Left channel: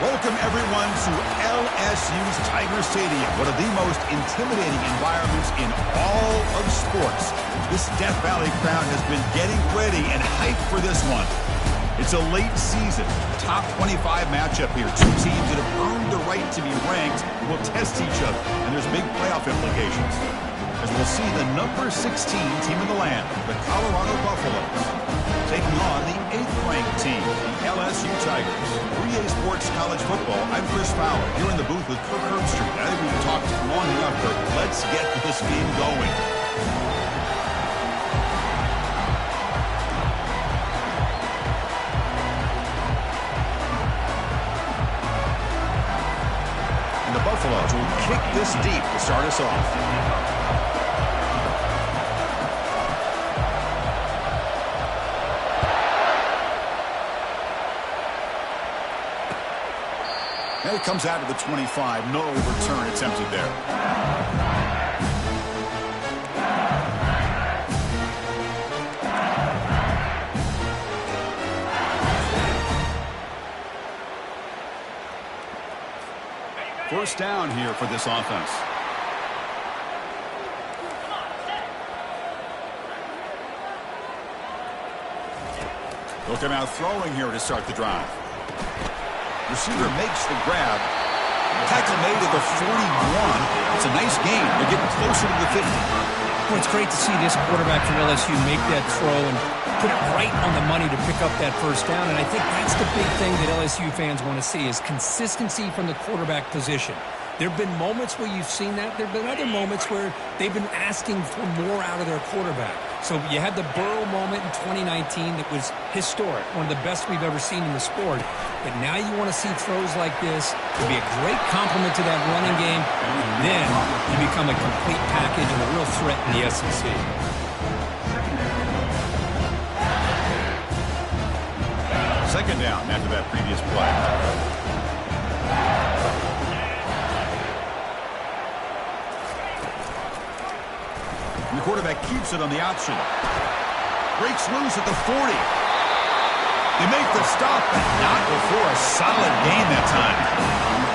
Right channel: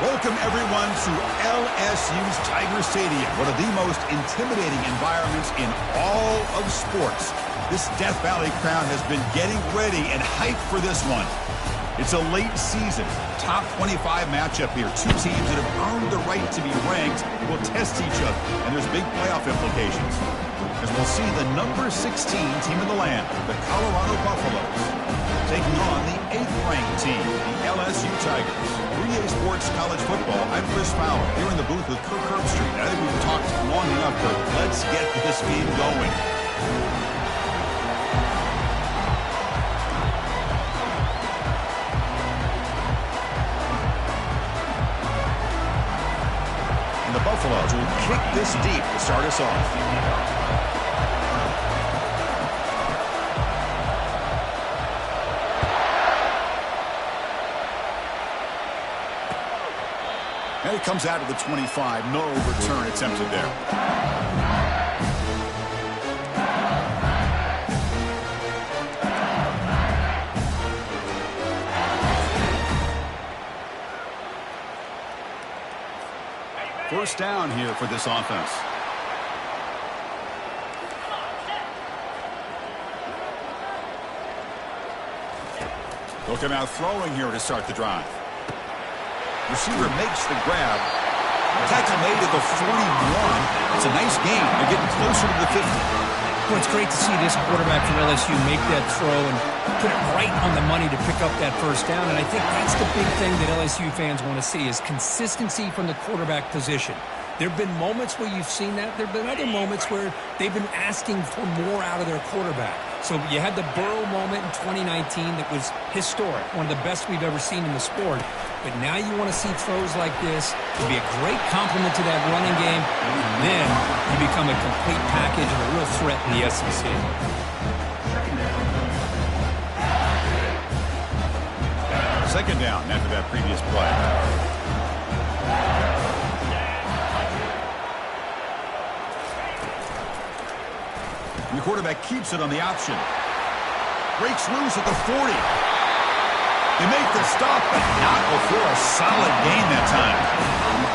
Welcome, everyone, to LSU's Tiger Stadium, one of the most intimidating environments in all of sports. This Death Valley crowd has been getting ready and hyped for this one. It's a late season, top 25 matchup here. Two teams that have earned the right to be ranked will test each other, and there's big playoff implications. As we'll see the number 16 team in the land, the Colorado Buffaloes, taking on the 8th-ranked team, the LSU Tigers. 3A Sports College Football, I'm Chris Fowler, here in the booth with Kirk Herbstreit. I think we've talked long enough, Kirk. Let's get this game going. And the Buffaloes will kick this deep to start us off. And it comes out of the 25. No return attempted there. First down here for this offense. They'll come out throwing here to start the drive. Receiver makes the grab. Tackle made at the 41. It's a nice gain. They're getting closer to the 50. Well, it's great to see this quarterback from LSU make that throw and put it right on the money to pick up that first down. And I think that's the big thing that LSU fans want to see is consistency from the quarterback position. There have been moments where you've seen that. There have been other moments where they've been asking for more out of their quarterback. So you had the Burrow moment in 2019 that was historic, one of the best we've ever seen in the sport. But now you want to see throws like this. It'll be a great complement to that running game. And then you become a complete package and a real threat in the SEC. Second down after that previous play. And the quarterback keeps it on the option. Breaks loose at the 40. They make the stop, but not before a solid gain that time.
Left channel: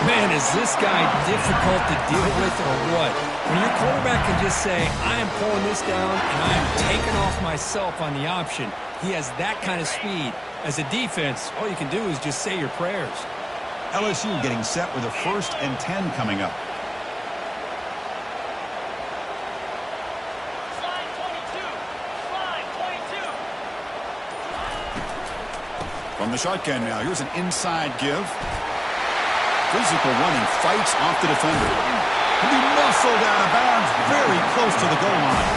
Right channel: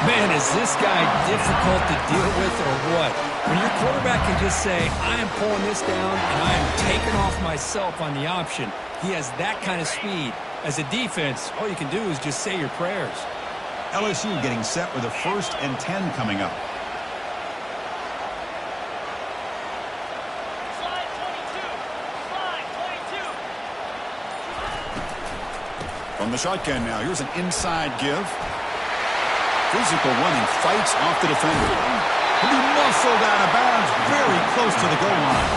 Man, is this guy difficult to deal with or what? When your quarterback can just say, I am pulling this down and I am taking off myself on the option. He has that kind of speed. As a defense, all you can do is just say your prayers. LSU getting set with a 1st and 10 coming up. From the shotgun now, here's an inside give. Physical running, fights off the defender. He'll be muscled out of bounds, very close to the goal line.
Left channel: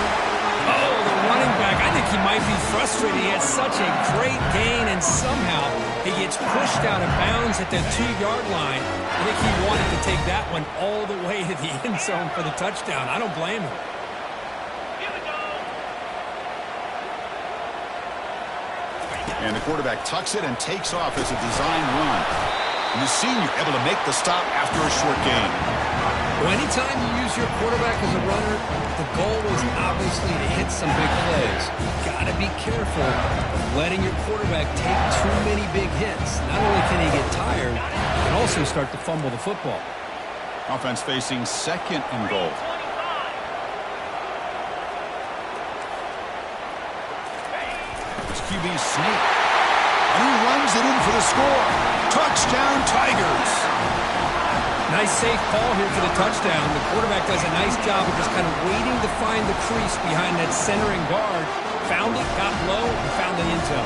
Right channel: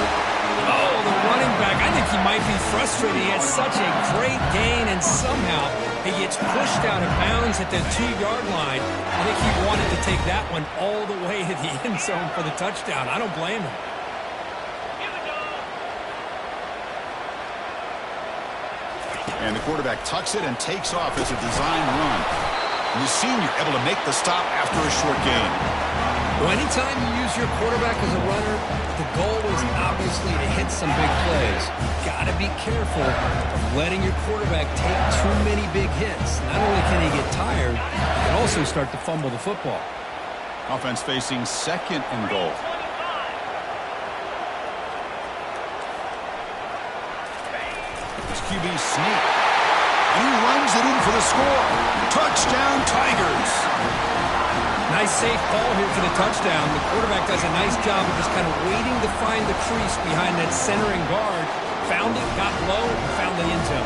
Oh, the running back, I think he might be frustrated. He had such a great gain, and somehow he gets pushed out of bounds at the 2-yard line. I think he wanted to take that one all the way to the end zone for the touchdown. I don't blame him. And the quarterback tucks it and takes off as a design run. And the senior able to make the stop after a short gain. Well, anytime you use your quarterback as a runner, the goal is obviously to hit some big plays. You've got to be careful of letting your quarterback take too many big hits. Not only can he get tired, he can also start to fumble the football. Offense facing 2nd and goal. QB sneak. And he runs it in for the score. Touchdown, Tigers. Nice safe call here for the touchdown. The quarterback does a nice job of just kind of waiting to find the crease behind that centering guard. Found it, got low, and found the end zone.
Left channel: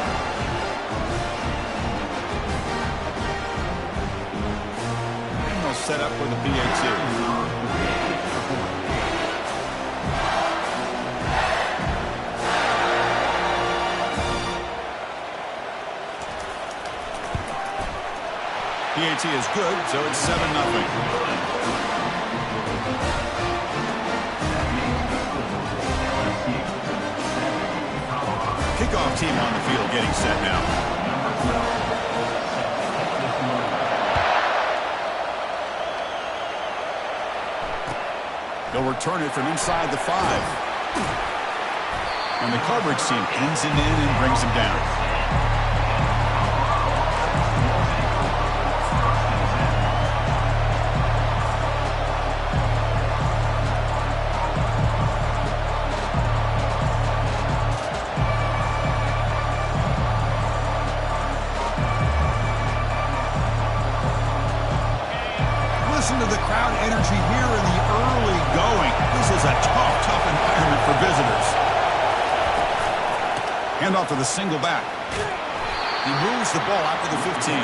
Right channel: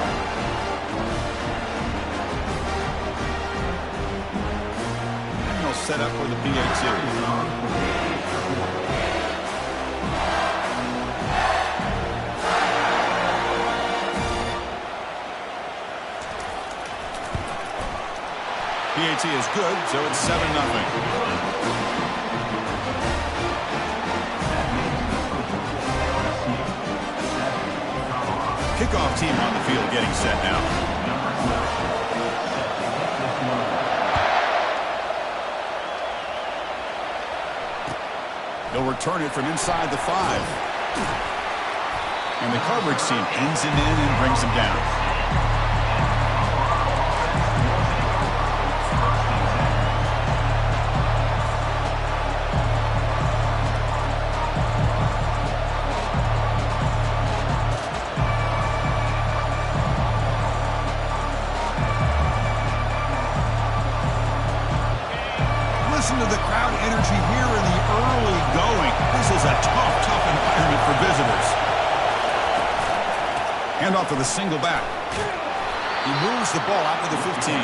And they'll set up for the PAT. PAT is good, so it's 7-0. Kickoff team on the field getting set now. They'll return it from inside the 5. And the coverage team pins him in and brings him down. to the crowd energy here in the early going. This is a tough environment for visitors. Handoff to the single back. He moves the ball out to the 15.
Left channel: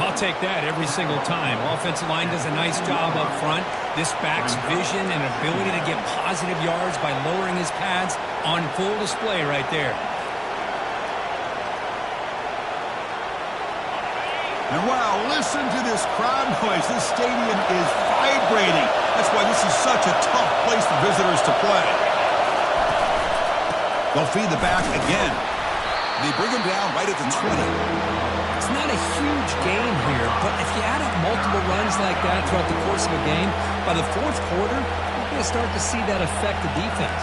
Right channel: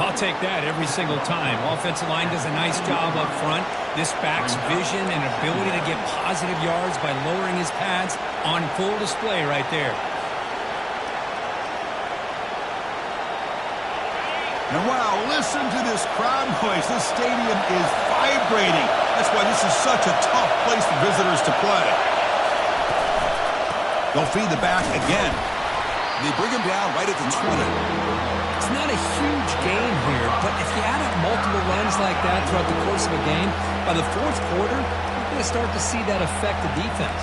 I'll take that every single time. Offensive line does a nice job up front. This back's vision and ability to get positive yards by lowering his pads on full display right there. And wow, listen to this crowd noise. This stadium is vibrating. That's why this is such a tough place for visitors to play. They'll feed the back again. They bring him down right at the 20. It's not a huge gain here, but if you add up multiple runs like that throughout the course of a game, by the fourth quarter, you're going to start to see that affect the defense.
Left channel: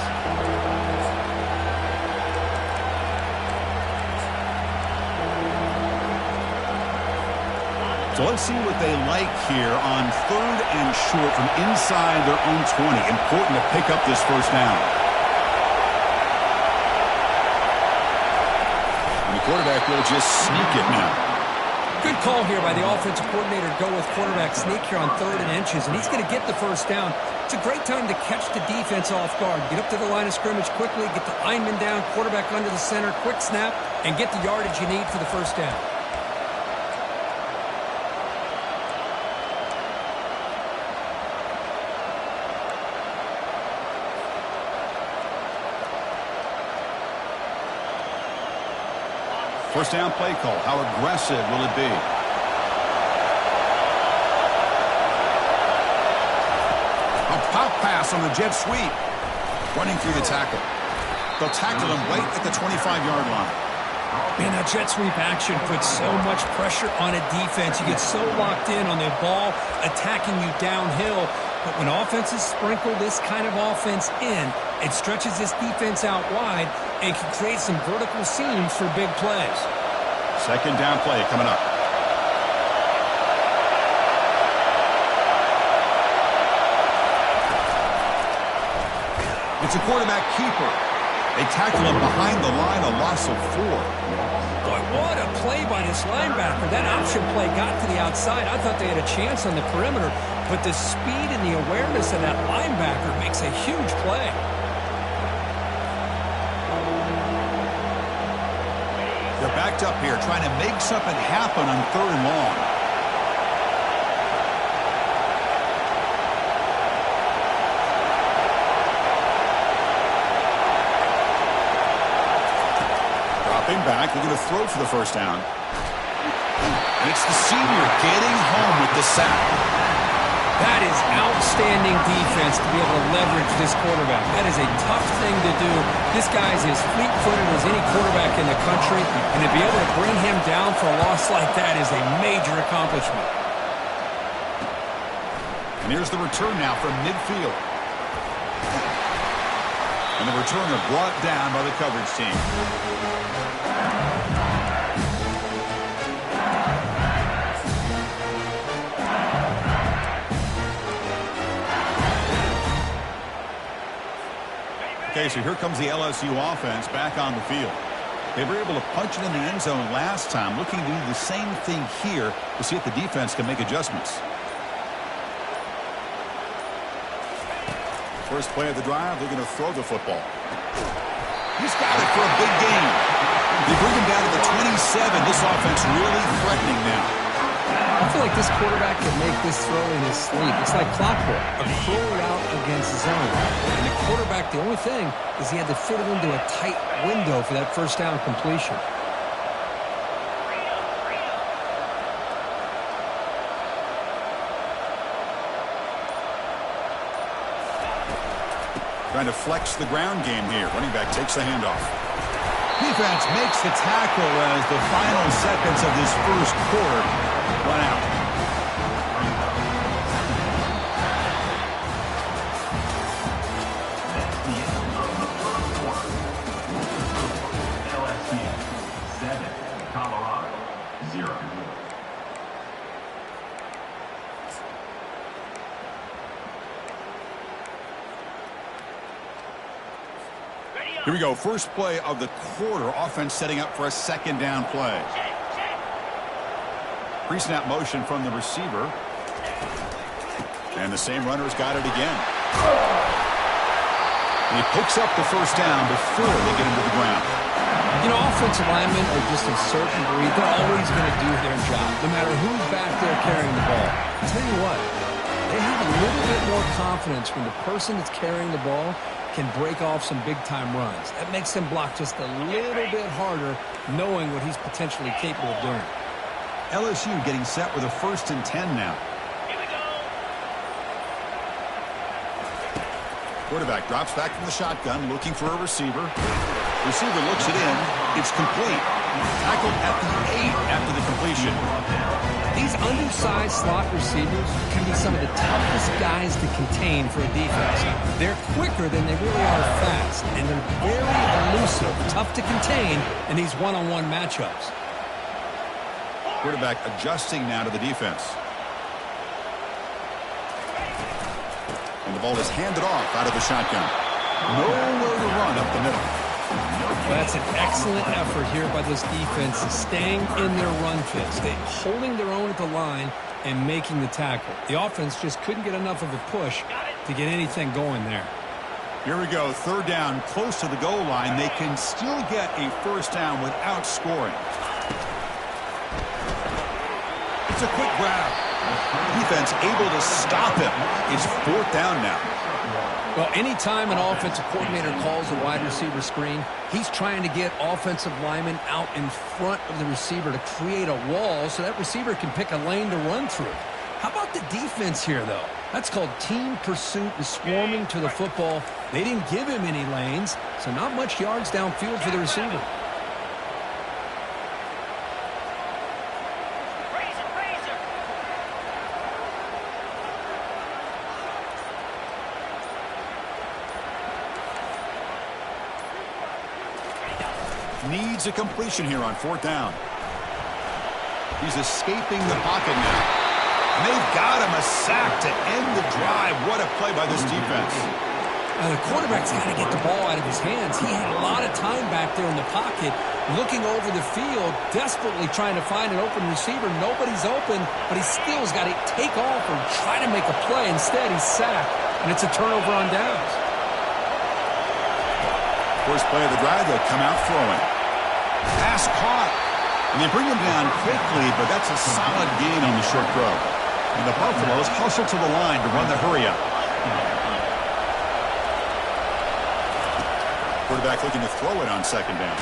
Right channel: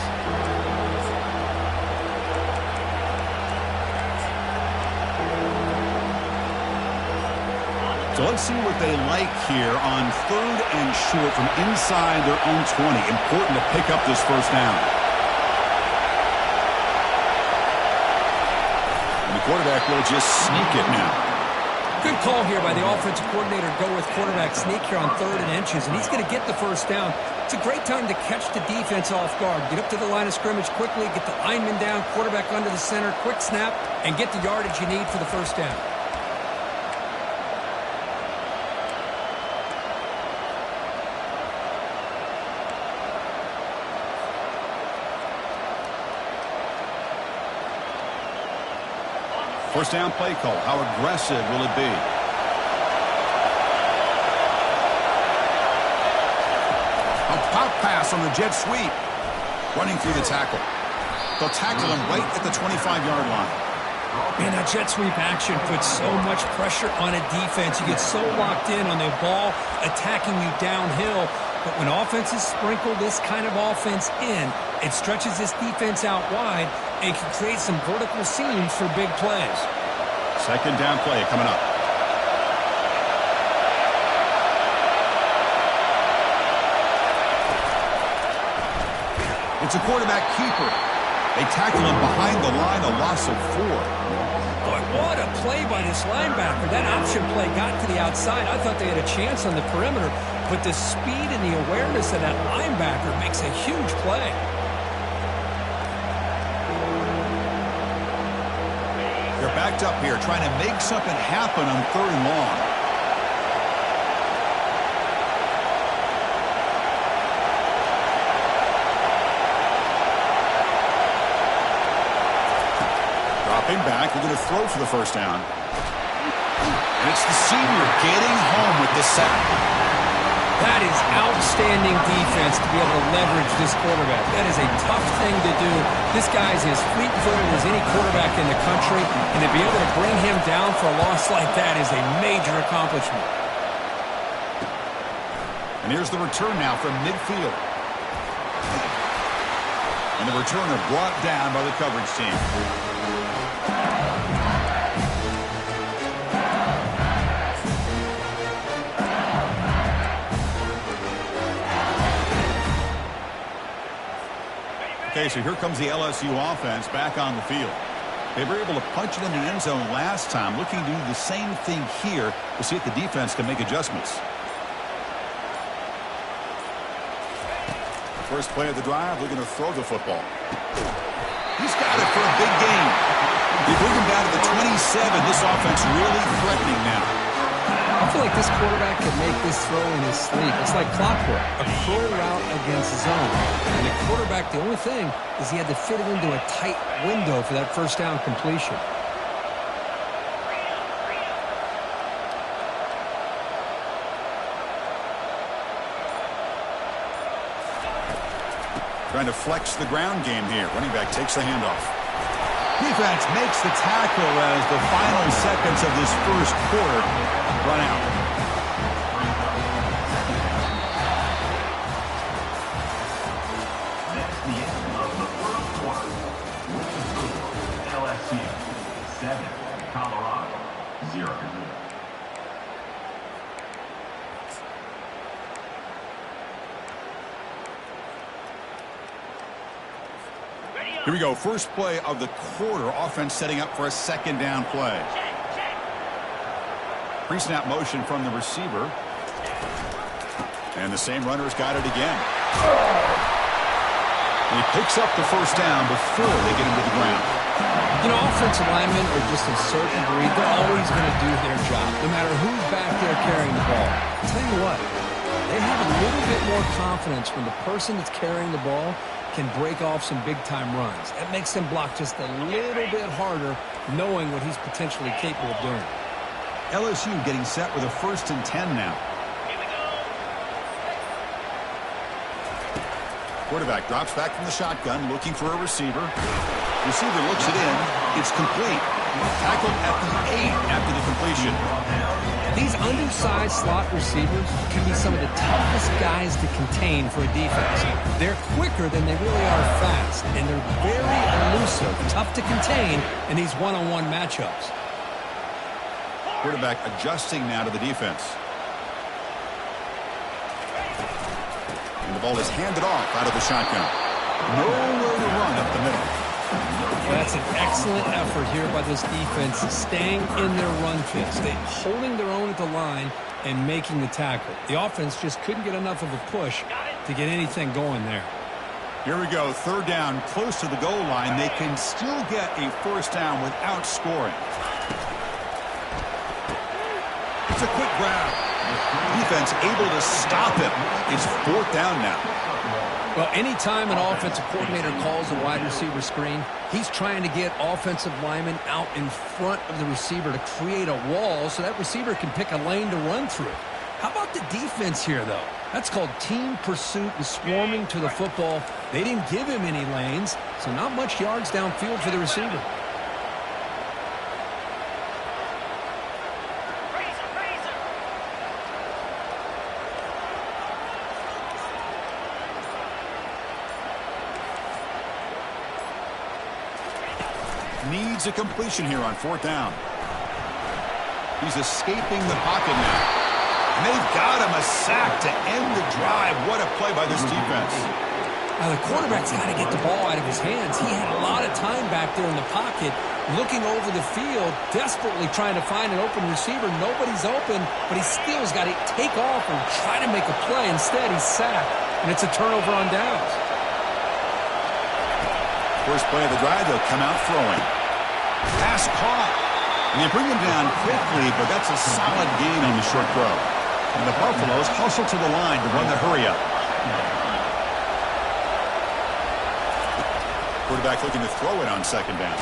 So let's see what they like here on 3rd and short from inside their own 20. Important to pick up this first down. And the quarterback will just sneak it now. Good call here by the offensive coordinator. Go with quarterback sneak here on 3rd and inches, and he's going to get the first down. It's a great time to catch the defense off guard. Get up to the line of scrimmage quickly, get the lineman down, quarterback under the center, quick snap, and get the yardage you need for the first down. First down play call. How aggressive will it be? A pop pass on the jet sweep. Running through the tackle. They'll tackle him right at the 25-yard line. Man, that jet sweep action puts so much pressure on a defense. You get so locked in on the ball attacking you downhill. But when offenses sprinkle this kind of offense in, it stretches this defense out wide and can create some vertical seams for big plays. Second down play coming up. It's a quarterback keeper. They tackle him behind the line, a loss of 4. Boy, what a play by this linebacker. That option play got to the outside. I thought they had a chance on the perimeter, but the speed and the awareness of that linebacker makes a huge play. They're backed up here, trying to make something happen on 3rd and long. Dropping back, looking to throw for the first down. And it's the senior getting home with the sack. That is outstanding defense to be able to leverage this quarterback. That is a tough thing to do. This guy is as fleet-footed as any quarterback in the country, and to be able to bring him down for a loss like that is a major accomplishment. And here's the return now from midfield. And the returner brought down by the coverage team. Okay, so here comes the LSU offense back on the field. They were able to punch it in the end zone last time. Looking to do the same thing here to see if the defense can make adjustments. First play of the drive, looking to throw the football. He's got it for a big gain. They bring him down to the 27. This offense really threatening now. I feel like this quarterback could make this throw in his sleep. It's like clockwork, a crow route against zone. And the quarterback, the only thing is he had to fit it into a tight window for that first down completion. Trying to flex the ground game here. Running back takes the handoff. Defense makes the tackle as the final seconds of this first quarter run out. That's the end of the first quarter. LSU 7, Colorado 0. Here we go. First play of the quarter. Offense setting up for a second down play. Pre-snap motion from the receiver. And the same runner's got it again. And he picks up the first down before they get him to the ground. You know, offensive linemen are just a certain breed. They're always going to do their job, no matter who's back there carrying the ball. I'll tell you what, they have a little bit more confidence when the person that's carrying the ball can break off some big-time runs. That makes them block just a little bit harder, knowing what he's potentially capable of doing. LSU getting set with a 1st and 10 now. Quarterback drops back from the shotgun, looking for a receiver. Receiver looks it in. It's complete. Tackled at the 8 after the completion. These undersized slot receivers can be some of the toughest guys to contain for a defense. They're quicker than they really are fast, and they're very elusive, tough to contain in these one-on-one matchups. Quarterback adjusting now to the defense. And the ball is handed off out of the shotgun. Nowhere to run up the middle. Well, that's an excellent effort here by this defense, staying in their run fits. They're holding their own at the line and making the tackle. The offense just couldn't get enough of a push to get anything going there. Here we go, 3rd down, close to the goal line. They can still get a 1st down without scoring. It's a quick grab. Defense able to stop him. It's 4th down now. Well, anytime an offensive coordinator calls a wide receiver screen, he's trying to get offensive linemen out in front of the receiver to create a wall so that receiver can pick a lane to run through. How about the defense here, though? That's called team pursuit and swarming to the football. They didn't give him any lanes, so not much yards downfield for the receiver. Needs a completion here on 4th down. He's escaping the pocket now. And they've got him a sack to end the drive. What a play by this defense. Now, the quarterback's got to get the ball out of his hands. He had a lot of time back there in the pocket, looking over the field, desperately trying to find an open receiver. Nobody's open, but he still's got to take off or try to make a play. Instead, he's sacked, and it's a turnover on downs. First play of the drive, they'll come out throwing. Pass caught. And they bring him down quickly, but that's a solid gain on the short throw. And the Buffaloes hustle to the line to run the hurry up. Quarterback looking to throw it on 2nd down.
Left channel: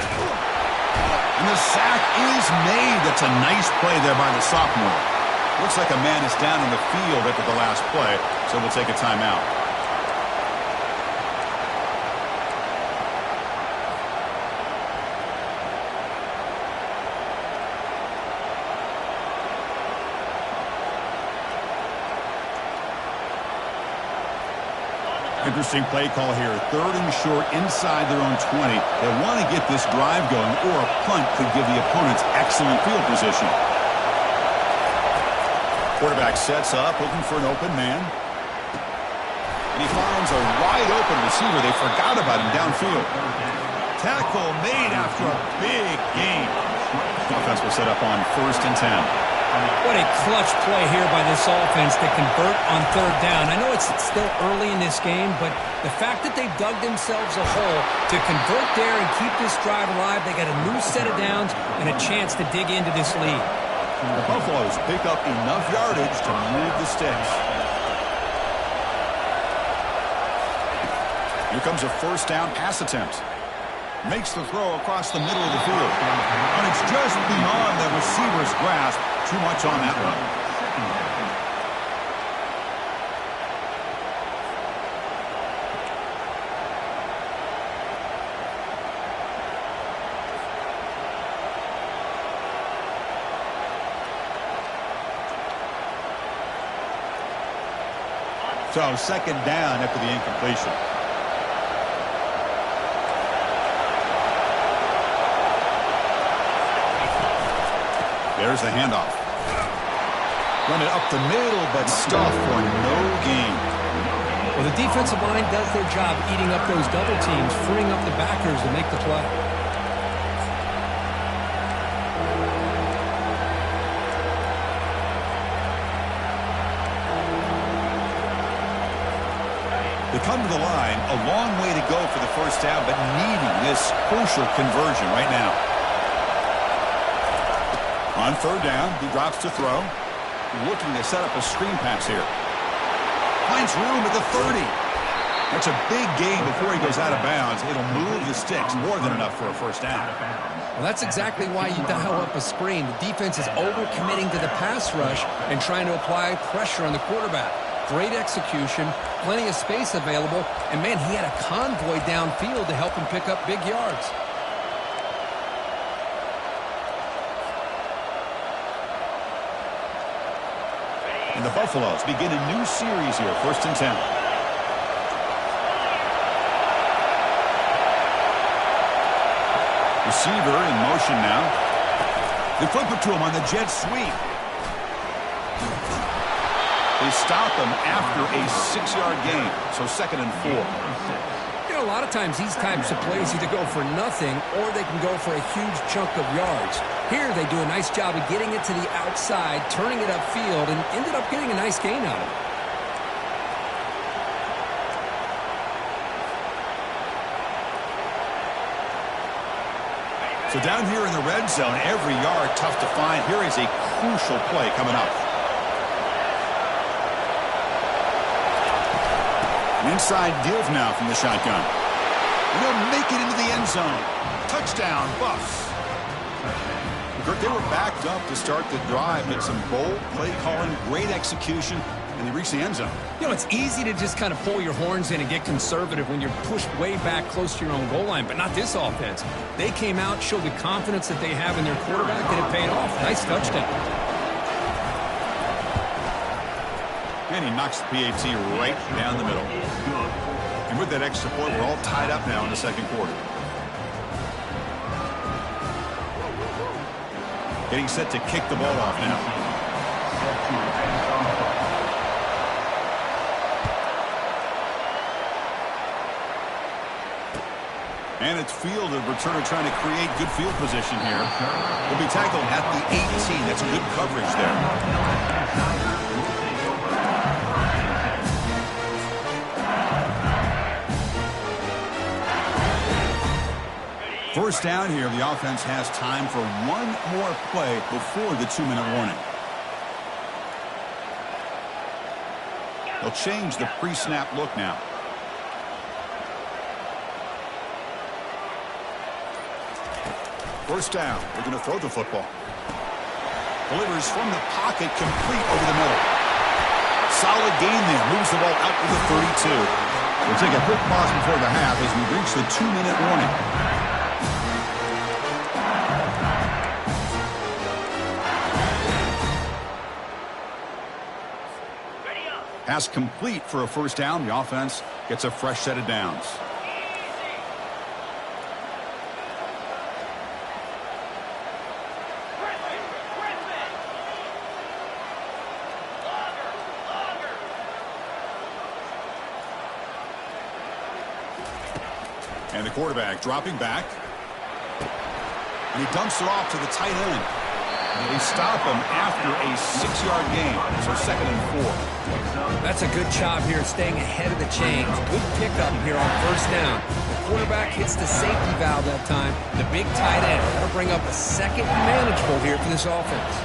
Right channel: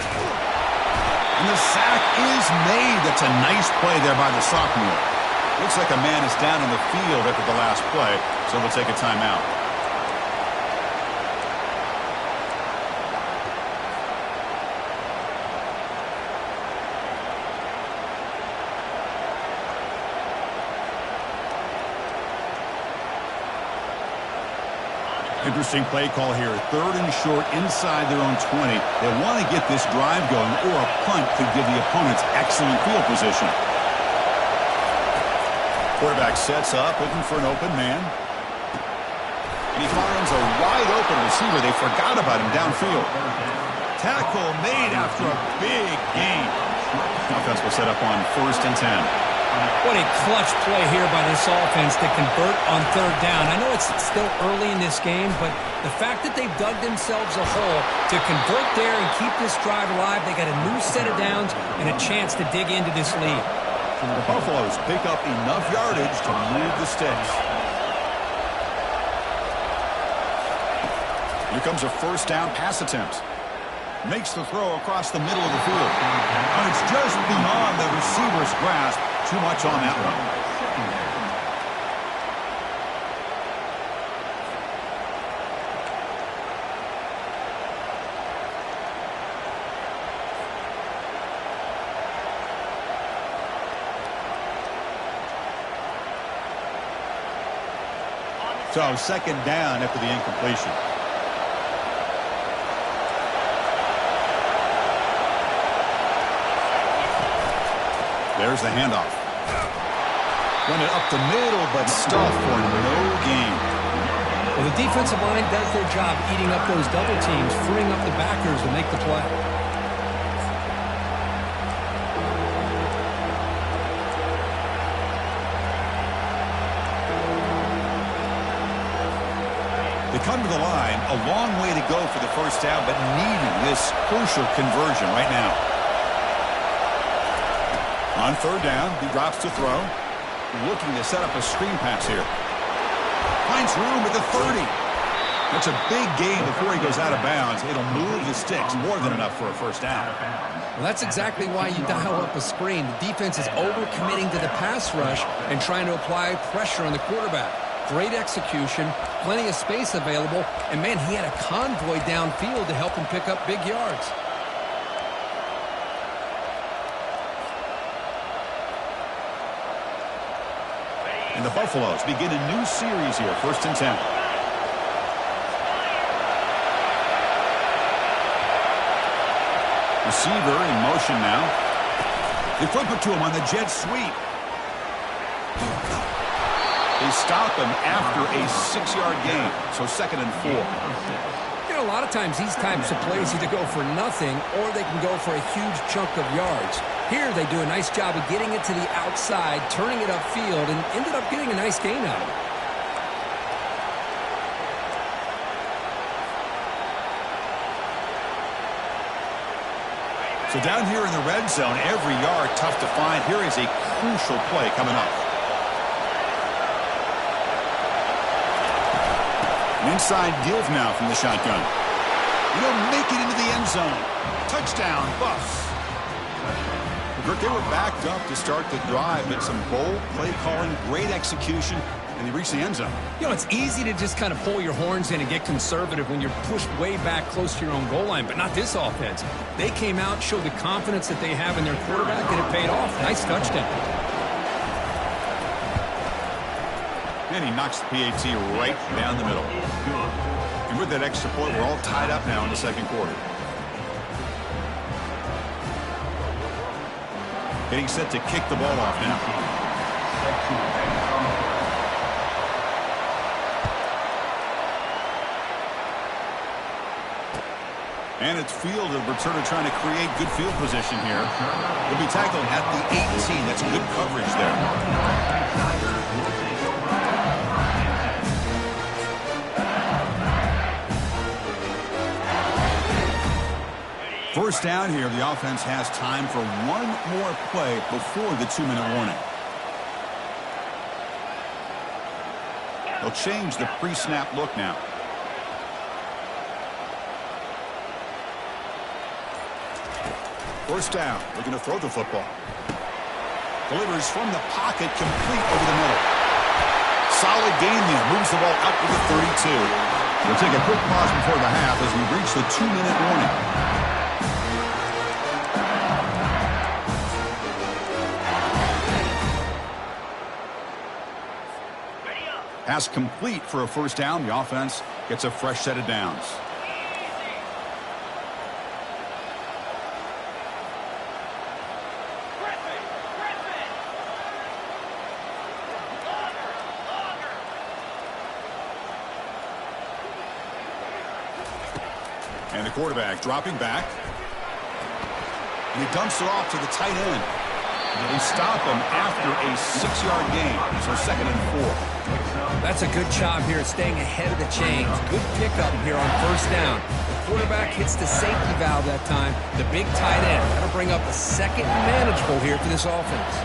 And the sack is made. That's a nice play there by the sophomore. Looks like a man is down in the field after the last play, so we'll take a timeout. Interesting play call here. 3rd and short inside their own 20. They want to get this drive going, or a punt could give the opponents excellent field position. Quarterback sets up, looking for an open man. And he finds a wide open receiver. They forgot about him downfield. Tackle made after a big gain. Offense will set up on 1st and 10. What a clutch play here by this offense to convert on 3rd down. I know it's still early in this game, but the fact that they've dug themselves a hole to convert there and keep this drive alive, they got a new set of downs and a chance to dig into this lead. The Buffaloes pick up enough yardage to move the sticks. Here comes a 1st down pass attempt. Makes the throw across the middle of the field. And it's just beyond the receiver's grasp. Too much on that one. So 2nd down after the incompletion. There's the handoff. Run it up the middle, but stuff for no gain. Well, the defensive line does their job eating up those double teams, freeing up the backers to make the play. They come to the line, a long way to go for the first down, but needing this crucial conversion right now. On third down, he drops to throw. Looking to set up a screen pass here. Finds room at the 30. That's a big gain before he goes out of bounds. It'll move the sticks, more than enough for a first down. Well, that's exactly why you dial up a screen. The defense is overcommitting to the pass rush and trying to apply pressure on the quarterback. Great execution, plenty of space available, and man, he had a convoy downfield to help him pick up big yards. And the Buffaloes begin a new series here, 1st and 10. Receiver in motion now. They flip it to him on the jet sweep. They stop him after a 6-yard gain, so 2nd and 4. You know, a lot of times these types of plays either go for nothing or they can go for a huge chunk of yards. Here they do a nice job of getting it to the outside, turning it upfield, and ended up getting a nice gain out of it. So down here in the red zone, every yard tough to find. Here is a crucial play coming up. An inside give now from the shotgun. And he'll make it into the end zone. Touchdown, Buffs. They were backed up to start the drive, but some bold play calling, great execution, and they reached the end zone. You know, it's easy to just kind of pull your horns in and get conservative when you're pushed way back close to your own goal line, but not this offense. They came out, showed the confidence that they have in their quarterback, and it paid off. Nice touchdown. And he knocks the PAT right down the middle. And with that extra point, we're all tied up now in the 2nd quarter. Getting set to kick the ball off now. And it's fielded. Returner trying to create good field position here. He'll be tackled at the 18. That's good coverage there. First down here, the offense has time for one more play before the 2-minute warning. They'll change the pre-snap look now. First down, they're going to throw the football. Delivers from the pocket, complete over the middle. Solid gain there, moves the ball out to the 32. We'll take a quick pause before the half as we reach the 2-minute warning. Pass complete for a first down. The offense gets a fresh set of downs. And the quarterback dropping back. And he dumps it off to the tight end. They stop him after a 6-yard gain, so 2nd and 4. That's a good job here staying ahead of the chains. Good pickup here on first down. The quarterback hits the safety valve that time. The big tight end. That'll bring up a 2nd and manageable here for this offense.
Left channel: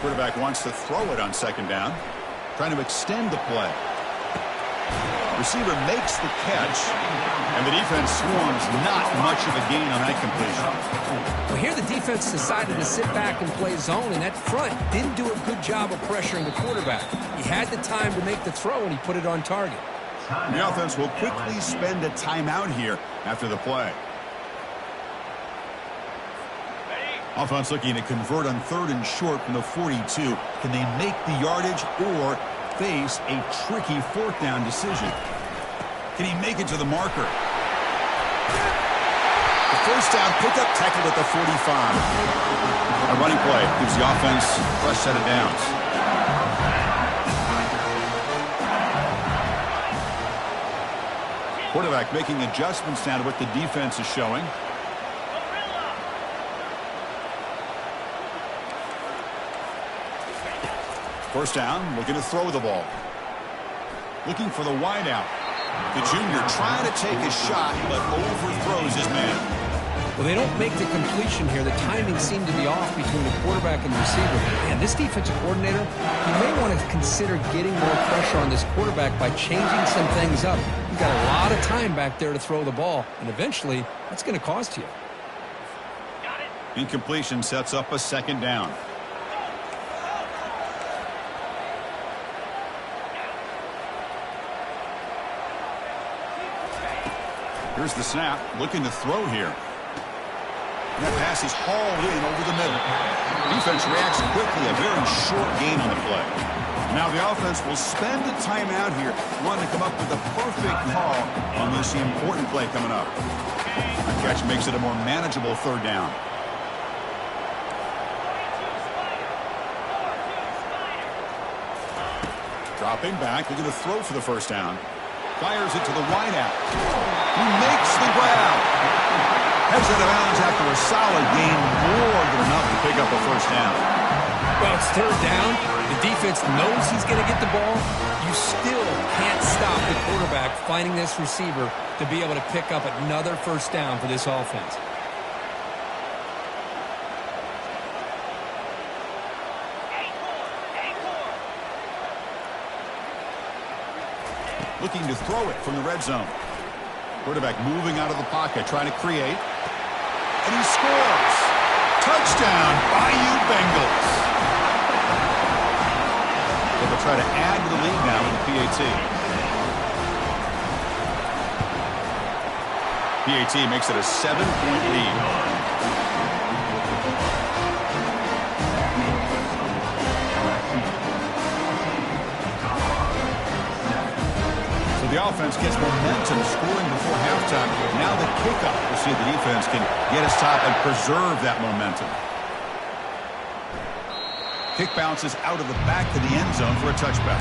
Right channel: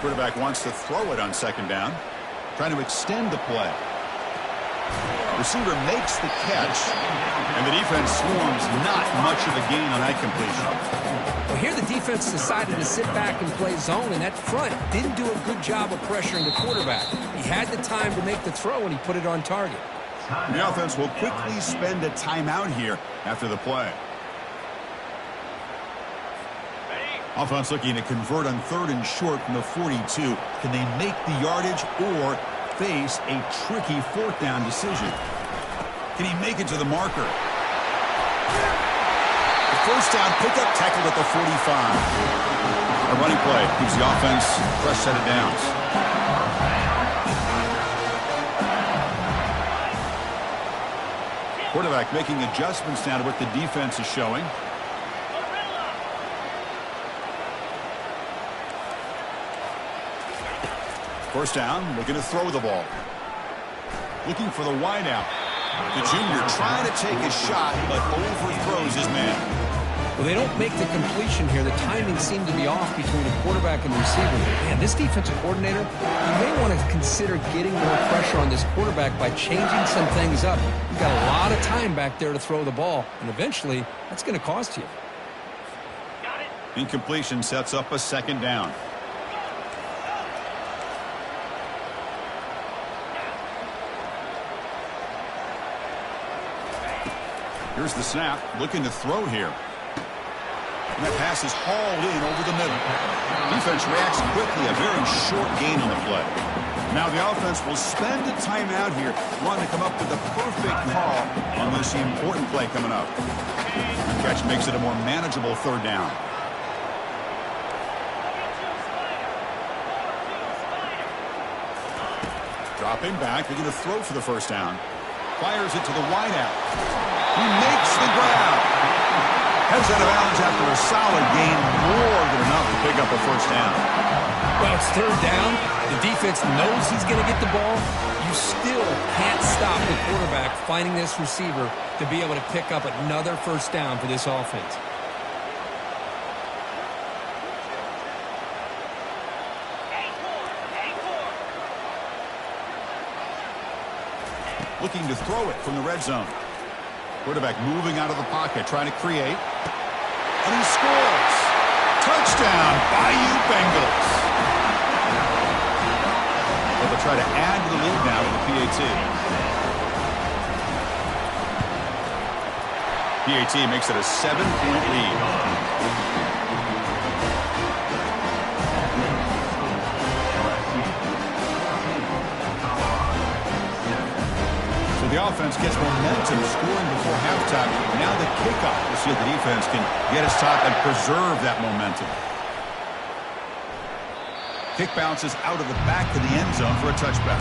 Quarterback wants to throw it on 2nd down. Trying to extend the play. Receiver makes the catch, and the defense swarms. Not much of a gain on that completion. Well, here the defense decided to sit back and play zone, and that front didn't do a good job of pressuring the quarterback. He had the time to make the throw, and he put it on target. The offense will quickly spend a timeout here after the play. Offense looking to convert on 3rd and short from the 42. Can they make the yardage or face a tricky 4th down decision? Can he make it to the marker? The first down pickup, tackled at the 45. A running play gives the offense a fresh set of downs. Quarterback making adjustments now to what the defense is showing. First down, looking to throw the ball. Looking for the wideout. The junior trying to take a shot, but overthrows his man. Well, they don't make the completion here. The timing seemed to be off between the quarterback and the receiver. Man, this defensive coordinator, he may want to consider getting more pressure on this quarterback by changing some things up. You've got a lot of time back there to throw the ball, and eventually that's going to cost you. Incompletion sets up a second down. Here's the snap, looking to throw here. And that pass is hauled in over the middle. Defense reacts quickly, a very short gain on the play. Now the offense will spend a timeout here, wanting to come up with the perfect call on this important play coming up. The catch makes it a more manageable third down. Dropping back, they're going to throw for the first down. Fires it to the wideout. He makes the grab. Heads out of bounds after a solid gain, more than enough to pick up a first down. Well, it's third down. The defense knows he's going to get the ball. You still can't stop the quarterback finding this receiver to be able to pick up another first down for this offense. Looking to throw it from the red zone. Quarterback moving out of the pocket, trying to create. And he scores. Touchdown, Bayou Bengals. Well, they'll try to add to the lead now with the PAT. PAT makes it a 7-point lead. So the offense gets momentum scoring before halftime. Now the kickoff. We'll see if the defense can get us top and preserve that momentum. Kick bounces out of the back to the end zone for a touchback.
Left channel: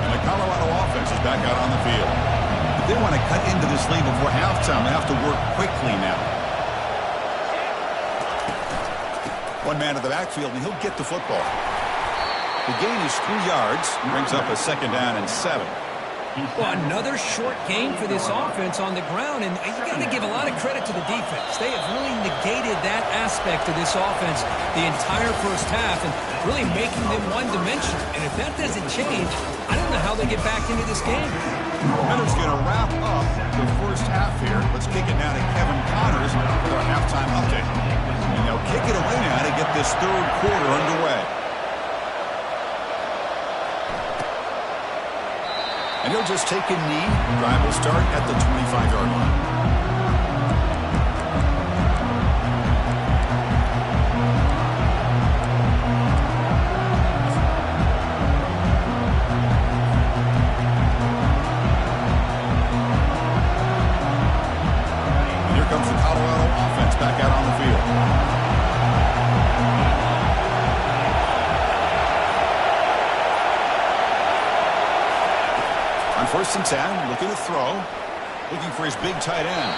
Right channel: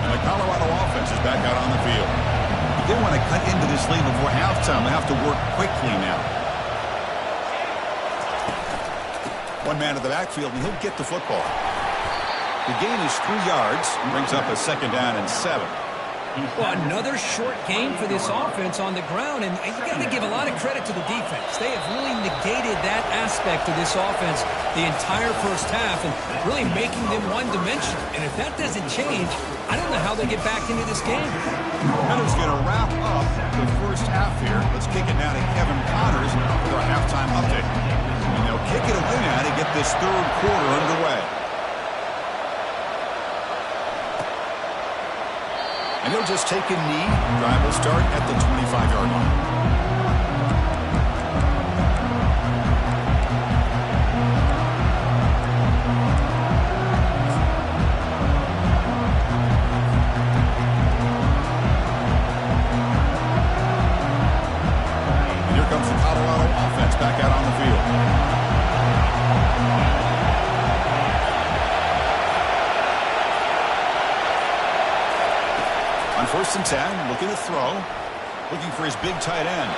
And the Colorado offense is back out on the field. They want to cut into this lead before halftime. They have to work quickly now. One man to the backfield, and he'll get the football. The gain is 3 yards. Brings up a second down and 7. Well, another short game for this offense on the ground, and you got to give a lot of credit to the defense. They have really negated that aspect of this offense the entire first half and really making them one-dimensional. And if that doesn't change, I don't know how they get back into this game. Heather's going to wrap up the first half here. Let's kick it now to Kevin Connors with our halftime update. And they'll kick it away now to get this third quarter underway. And he'll just take a knee. Drive will start at the 25-yard line. And here comes the Colorado offense back out on the field. On 1st and 10, looking to throw. Looking for his big tight end.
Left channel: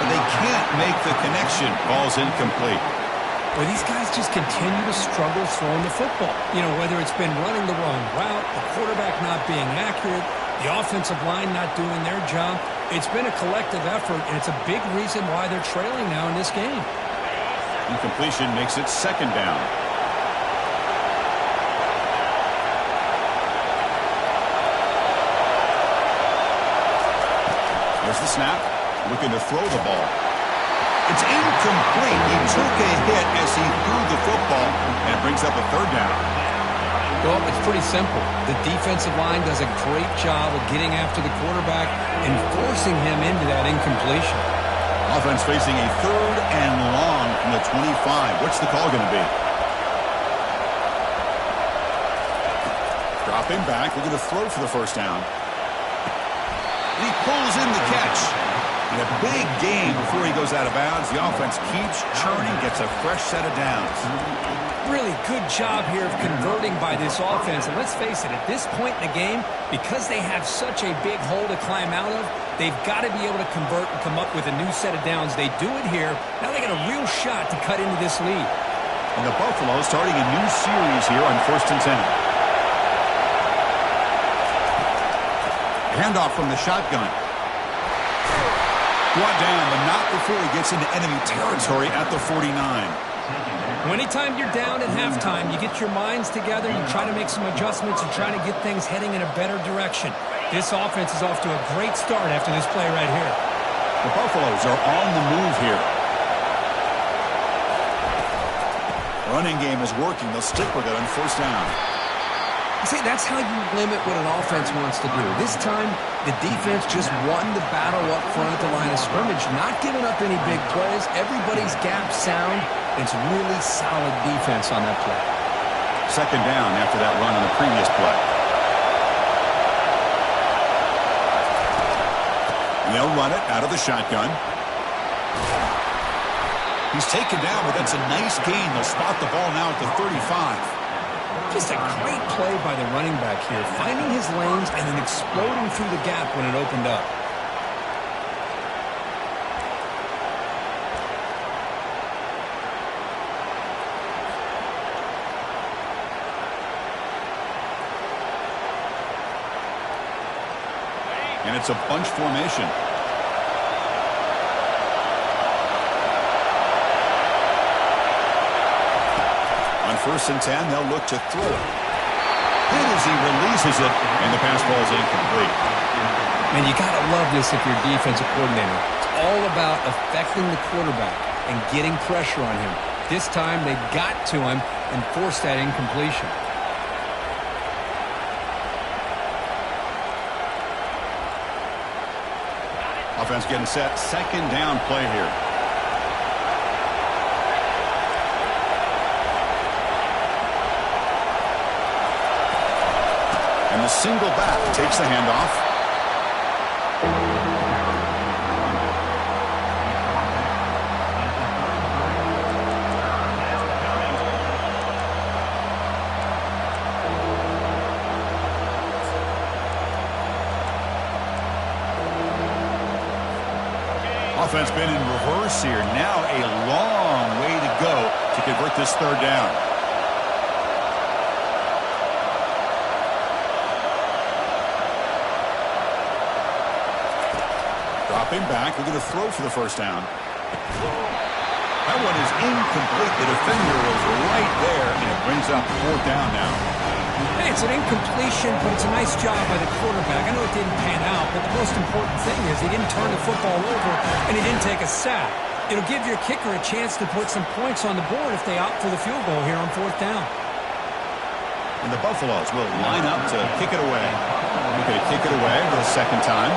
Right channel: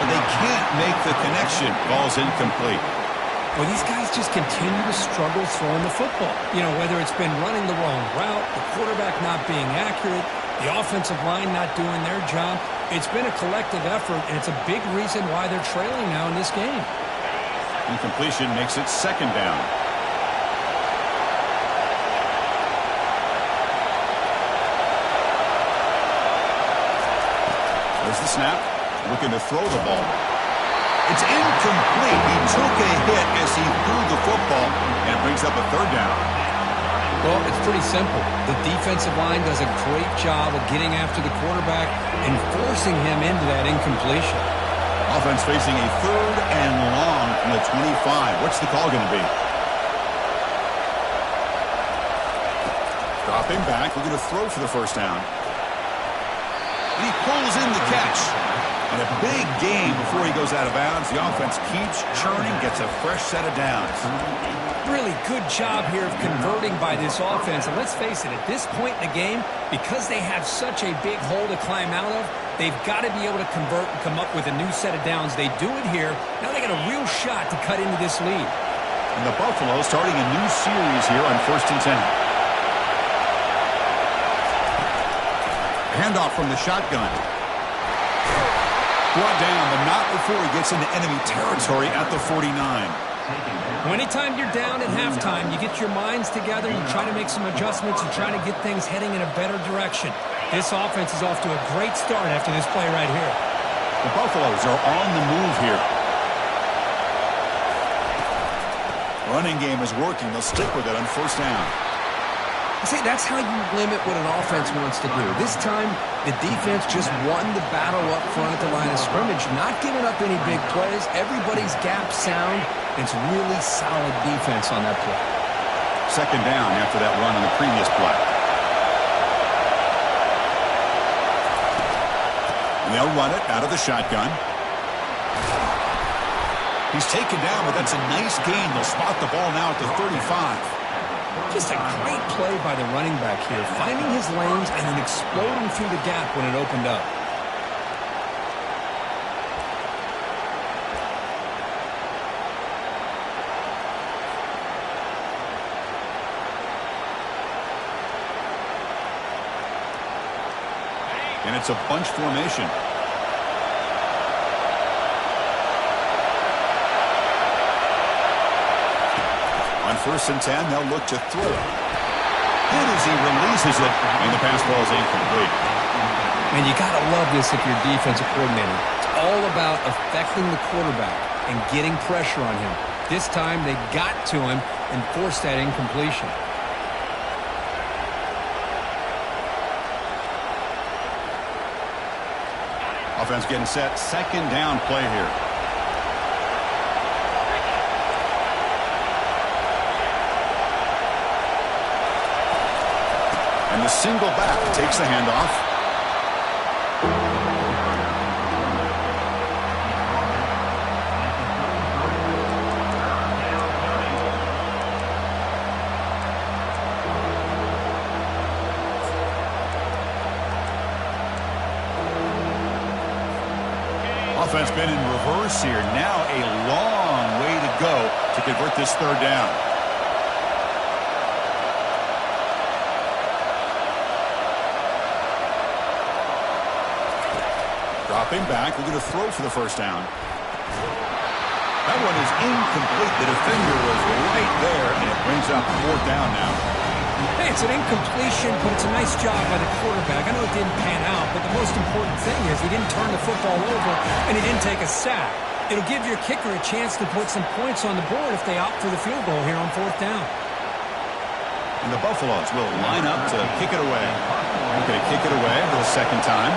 But they can't make the connection. Ball's incomplete. Well, these guys just continue to struggle throwing the football. You know, whether it's been running the wrong route, the quarterback not being accurate, the offensive line not doing their job. It's been a collective effort, and it's a big reason why they're trailing now in this game. Incompletion makes it second down. There's the snap. Looking to throw the ball. It's incomplete. He took a hit as he threw the football, and it brings up a third down. Well, it's pretty simple. The defensive line does a great job of getting after the quarterback and forcing him into that incompletion. Offense facing a third and long from the 25. What's the call going to be? Dropping back. We're going to throw for the first down. And he pulls in the catch. And a big gain before he goes out of bounds. The offense keeps churning, gets a fresh set of downs. Really good job here of converting by this offense. And let's face it, at this point in the game, because they have such a big hole to climb out of, They've got to be able to convert and come up with a new set of downs. They do it here. Now they got a real shot to cut into this lead. And the Buffalo starting a new series here on 1st and 10. Handoff from the shotgun. Brought down, but not before he gets into enemy territory at the 49. Anytime you're down at halftime, you get your minds together, you try to make some adjustments, you try to get things heading in a better direction. This offense is off to a great start after this play right here. The Buffaloes are on the move here. Running game is working. They'll stick with it on 1st down. See, that's how you limit what an offense wants to do. This time, the defense just won the battle up front at the line of scrimmage, not giving up any big plays. Everybody's gap sound. It's really solid defense on that play. 2nd down after that run on the previous play. And they'll run it out of the shotgun. He's taken down, but that's a nice gain. They'll spot the ball now at the 35. Just a great play by the running back here, finding his lanes and then exploding through the gap when it opened up. And it's a bunch formation. On 1st and 10, they'll look to throw it. Hit as he releases it, and the pass ball is incomplete. Man, you got to love this if you're a defensive coordinator. It's all about affecting the quarterback and getting pressure on him. This time, they got to him and forced that incompletion. Offense getting set. 2nd down play here. And the single back takes the handoff. Offense been in reverse here. Now a long way to go to convert this 3rd down. Dropping back, looking to throw for the 1st down. That one is incomplete. The defender was right there, and it brings up 4th down now. Hey, it's an incompletion, but it's a nice job by the quarterback. I know it didn't pan out, but the most important thing is he didn't turn the football over, and he didn't take a sack. It'll give your kicker a chance to put some points on the board if they opt for the field goal here on 4th down. And the Buffaloes will line up to kick it away. We're going to kick it away for the 2nd time.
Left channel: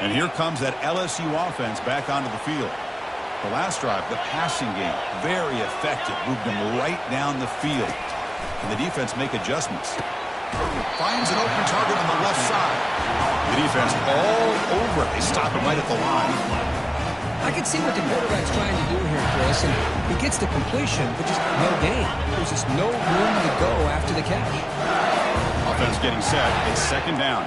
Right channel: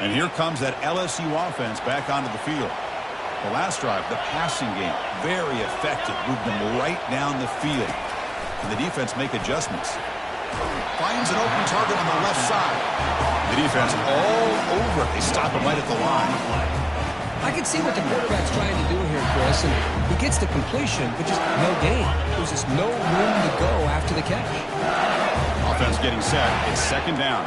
And here comes that LSU offense back onto the field. The last drive, the passing game, very effective. Moved them right down the field. And the defense make adjustments. Finds an open target on the left side. The defense all over it. They stop him right at the line. I can see what the quarterback's trying to do here, Chris, and he gets the completion, but just no gain. There's just no room to go after the catch. Offense getting set. It's 2nd down.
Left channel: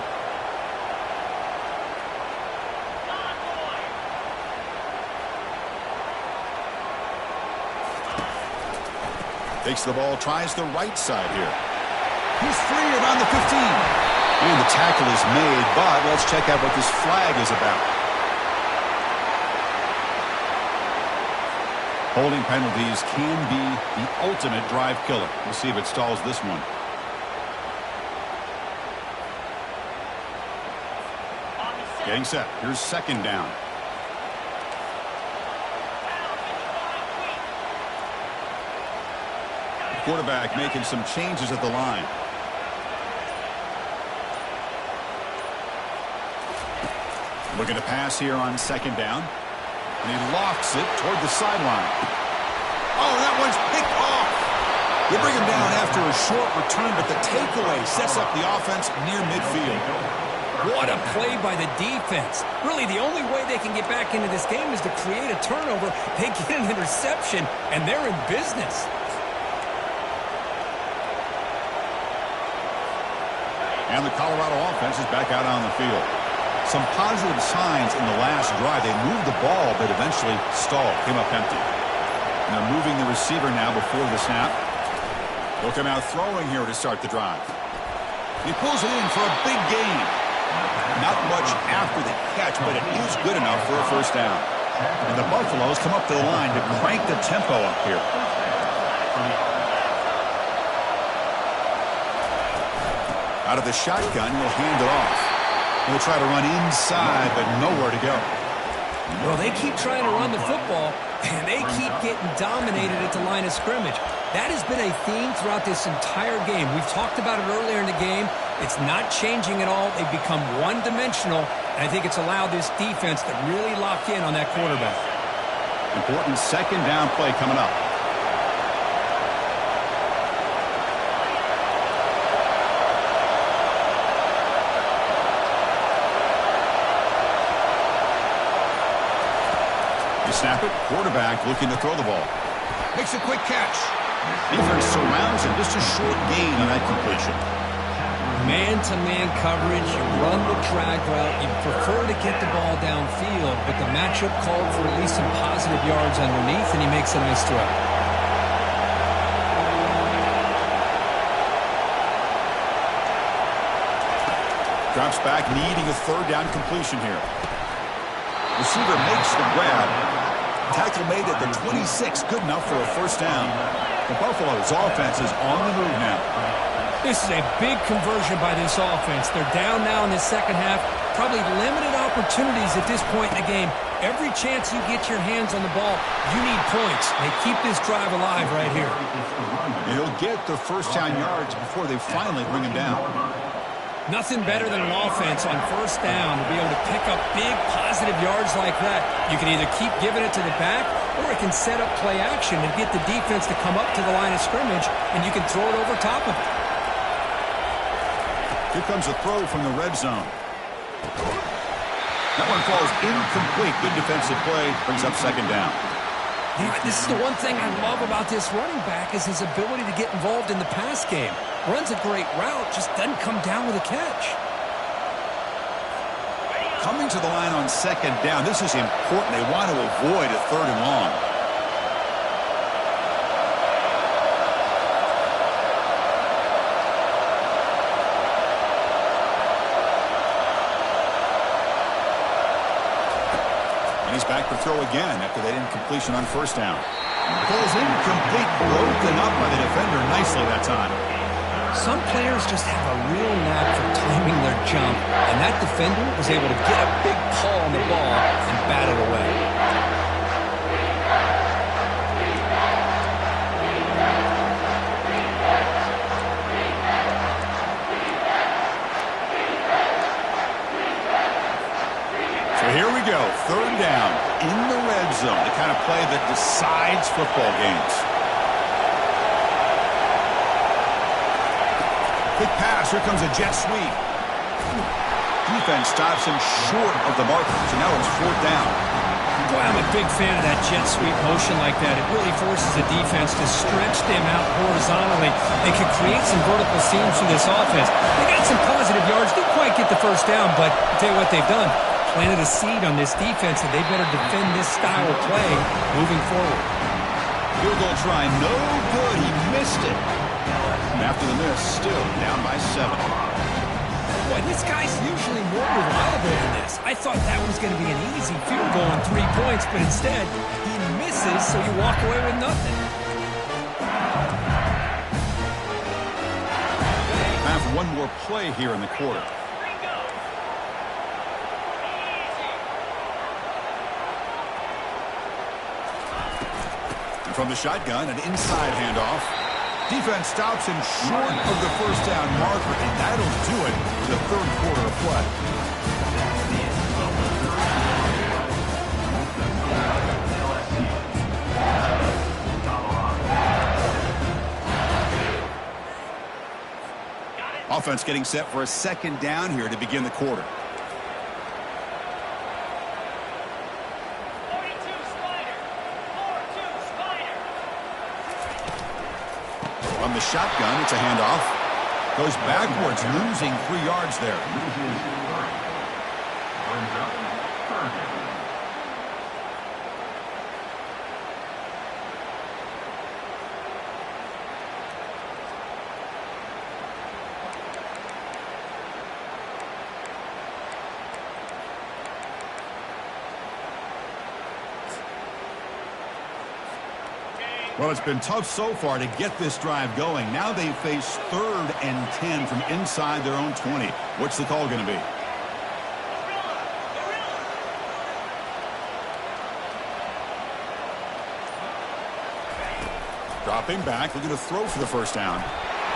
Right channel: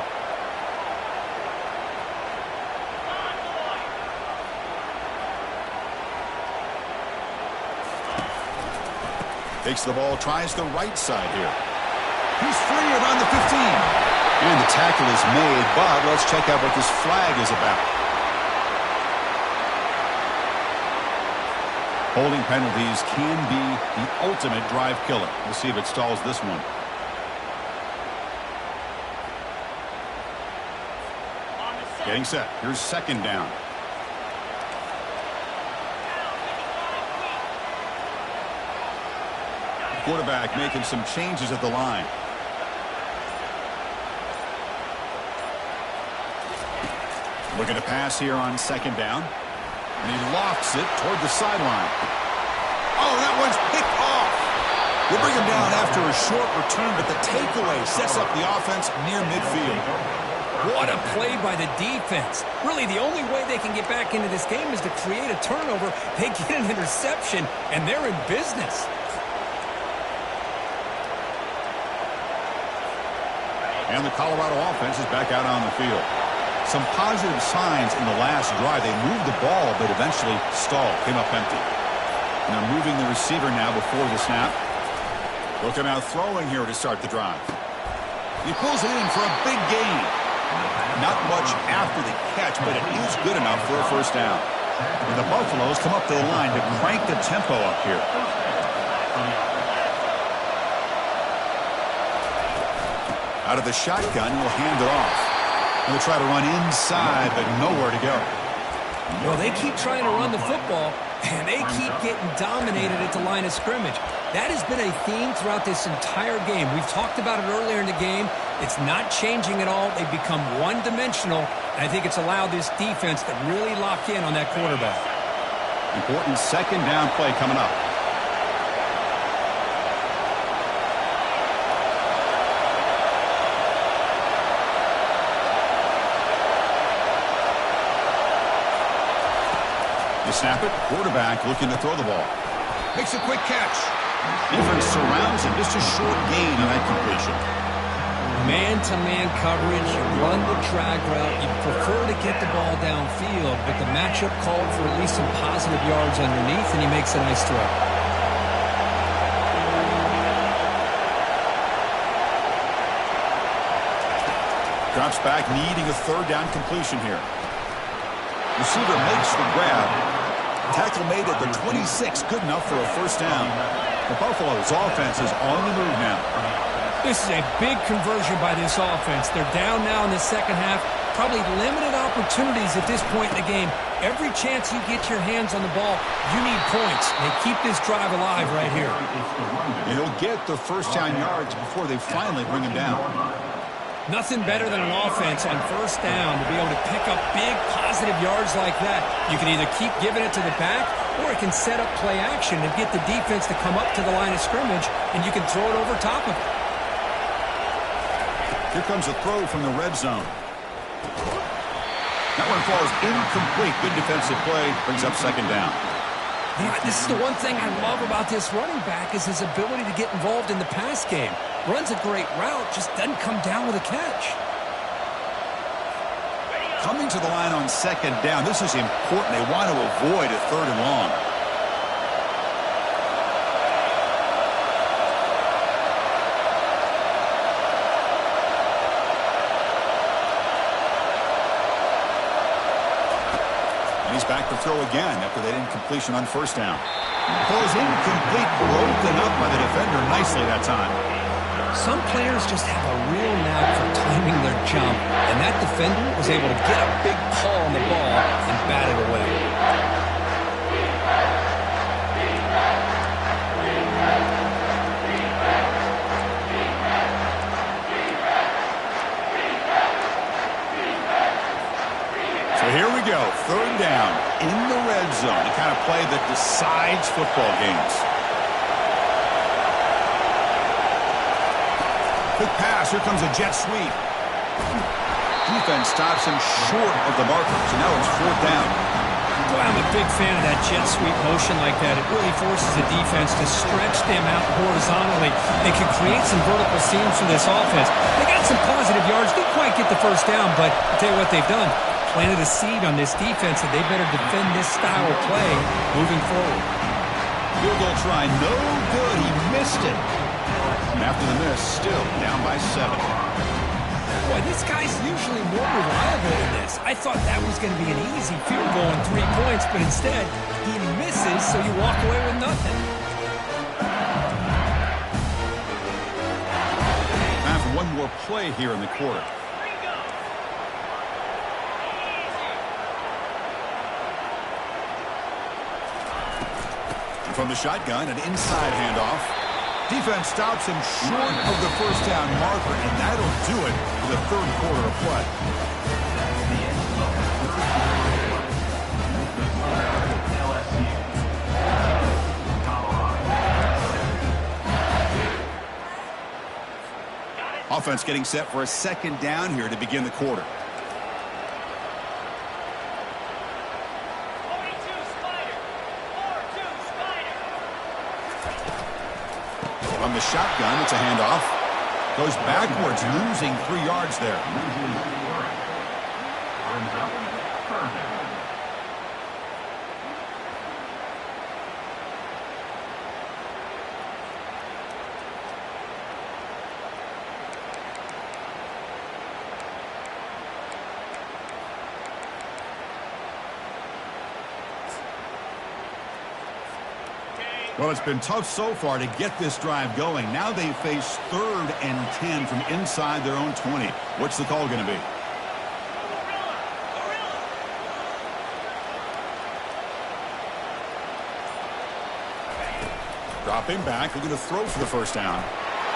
Takes the ball, tries the right side here. He's free around the 15. And the tackle is made, but let's check out what this flag is about. Holding penalties can be the ultimate drive killer. We'll see if it stalls this one. Getting set. Here's 2nd down. Quarterback making some changes at the line. Looking to pass here on 2nd down. And he lofts it toward the sideline. Oh, that one's picked off. They bring him down after a short return, but the takeaway sets up the offense near midfield. What a play by the defense. Really, the only way they can get back into this game is to create a turnover. They get an interception, and they're in business. And the Colorado offense is back out on the field. Some positive signs in the last drive. They moved the ball, but eventually stalled, came up empty. And they're moving the receiver now before the snap. They'll come out throwing here to start the drive. He pulls it in for a big gain. Not much after the catch, but it is good enough for a first down. And the Buffaloes come up to the line to crank the tempo up here. Out of the shotgun, he'll hand it off. He'll try to run inside, but nowhere to go. Well, they keep trying to run the football, and they keep getting dominated at the line of scrimmage. That has been a theme throughout this entire game. We've talked about it earlier in the game. It's not changing at all. They've become one-dimensional, and I think it's allowed this defense to really lock in on that quarterback. Important second down play coming up. You snap it, quarterback looking to throw the ball. Makes a quick catch. Defense surrounds him, just a short gain on that completion. Man-to-man coverage, you run the drag route, you prefer to get the ball downfield, but the matchup called for at least some positive yards underneath, and he makes a nice throw. Drops back, needing a third down completion here. Receiver makes the grab. Tackle made at the 26, good enough for a first down. The Buffalo's offense is on the move now. This is a big conversion by this offense. They're down now in the second half. Probably limited opportunities at this point in the game. Every chance you get your hands on the ball, you need points. They keep this drive alive right here. And he'll get the first down yards before they finally bring him down. Nothing better than an offense on first down to be able to pick up big positive yards like that. You can either keep giving it to the back, or it can set up play action and get the defense to come up to the line of scrimmage, and you can throw it over top of it. Here comes a throw from the red zone. That one falls incomplete. Good defensive play. Brings up second down. Yeah, this is the one thing I love about this running back is his ability to get involved in the pass game. Runs a great route, just doesn't come down with a catch. Coming to the line on second down. This is important. They want to avoid a third and long. And he's back to throw again after that incompletion on first down. Ball's incomplete, broken up by the defender nicely that time. Some players just have a real knack for timing their jump, and that defender was able to get a big paw on the ball and bat it away. So here we go, third down in the red zone, the kind of play that decides football games. Quick pass, here comes a jet sweep. Defense stops him short of the marker, so now it's fourth down. Boy, I'm a big fan of that jet sweep motion like that. It really forces the defense to stretch them out horizontally. They can create some vertical seams for this offense. They got some positive yards, didn't quite get the first down, but I'll tell you what they've done. Planted a seed on this defense that they better defend this style of play moving forward. Field goal try, no good, he missed it. After the miss, still down by 7. Boy, this guy's usually more reliable than this. I thought that was going to be an easy field goal and 3 points, but instead, he misses, so you walk away with nothing. Time for one more play here in the quarter. And from the shotgun, an inside handoff. Defense stops him short of the first down marker, and that'll do it for the third quarter of play. That's the end of the third quarter. LSU, Colorado. Offense getting set for a second down here to begin the quarter. 42 Spider. 4-2 Spider. From the shotgun, it's a handoff. Goes backwards, losing 3 yards there. Loses 3. Brings up third down. Well, it's been tough so far to get this drive going. Now they face 3rd and 10 from inside their own 20. What's the call going to be? Gorilla. Gorilla. Dropping back, looking to throw for the first down.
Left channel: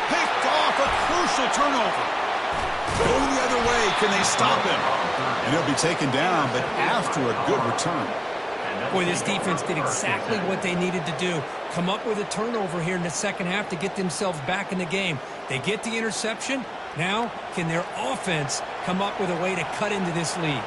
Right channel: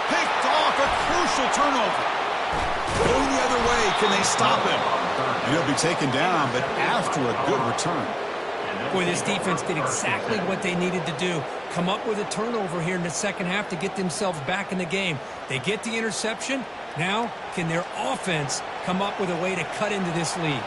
Picked off, a crucial turnover. Going the other way, can they stop him? And he'll be taken down, but after a good return. Boy, this defense did exactly what they needed to do. Come up with a turnover here in the second half to get themselves back in the game. They get the interception. Now, can their offense come up with a way to cut into this lead?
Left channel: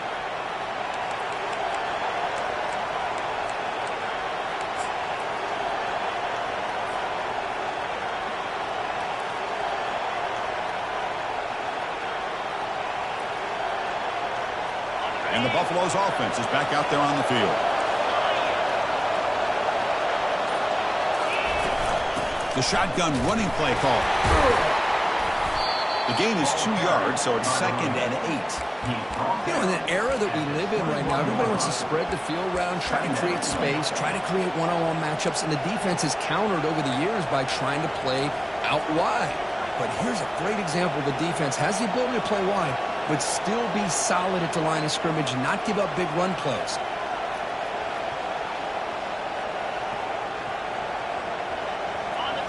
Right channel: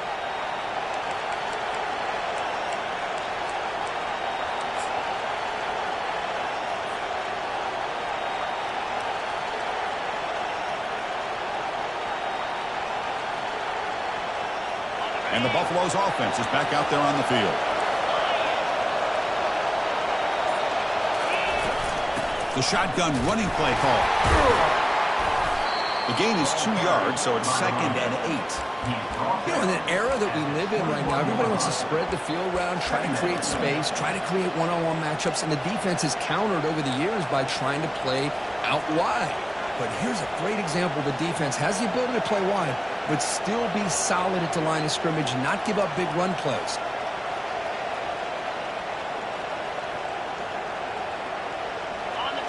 And the Buffalo's offense is back out there on the field. The shotgun running play call. The gain is 2 yards, so it's 2nd and 8. You know, in an era that we live in right now, everybody wants to spread the field around, try to create space, try to create one-on-one matchups, and the defense has countered over the years by trying to play out wide. But here's a great example. The defense has the ability to play wide, but still be solid at the line of scrimmage, not give up big run plays.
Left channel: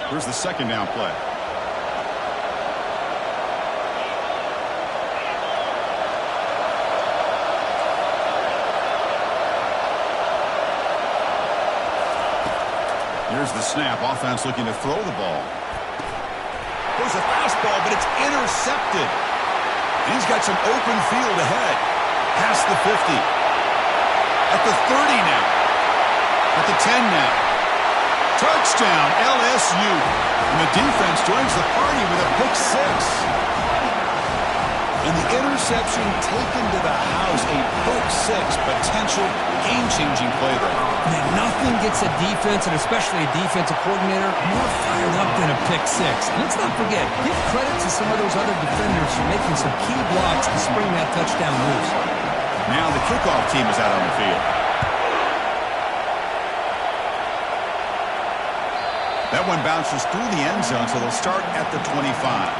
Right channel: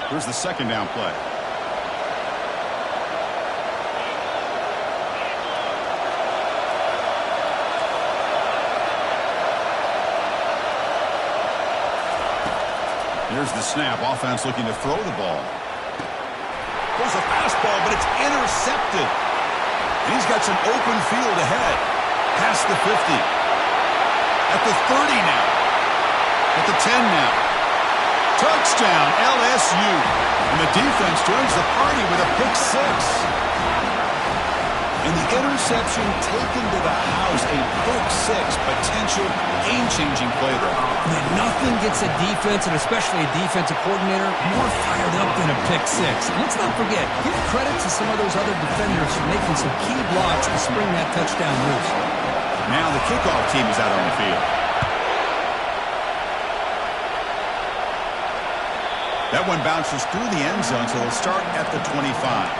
Here's the second down play. Here's the snap. Offense looking to throw the ball. Goes a fastball, but it's intercepted. And he's got some open field ahead. Past the 50. At the 30 now. At the 10 now. Touchdown, LSU. And the defense joins the party with a pick 6. And the interception taken to the house. A pick 6 potential game-changing play there. Man, nothing gets a defense, and especially a defensive coordinator, more fired up than a pick 6. And let's not forget, give credit to some of those other defenders for making some key blocks to spring that touchdown loose. Now the kickoff team is out on the field. That one bounces through the end zone, so they'll start at the 25.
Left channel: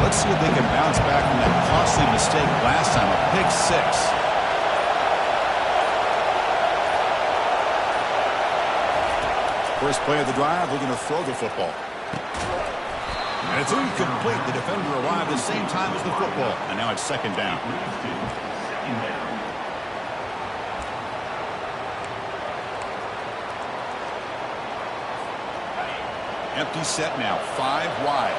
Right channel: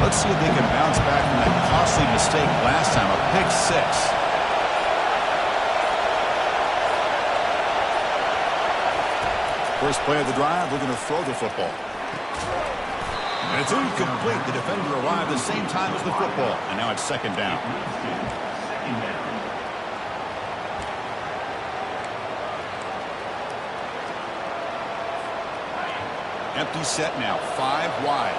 Let's see if they can bounce back from that costly mistake last time, a pick 6. First play of the drive, looking to throw the football. And it's incomplete. The defender arrived at the same time as the football. And now it's second down. Empty set now, 5 wide.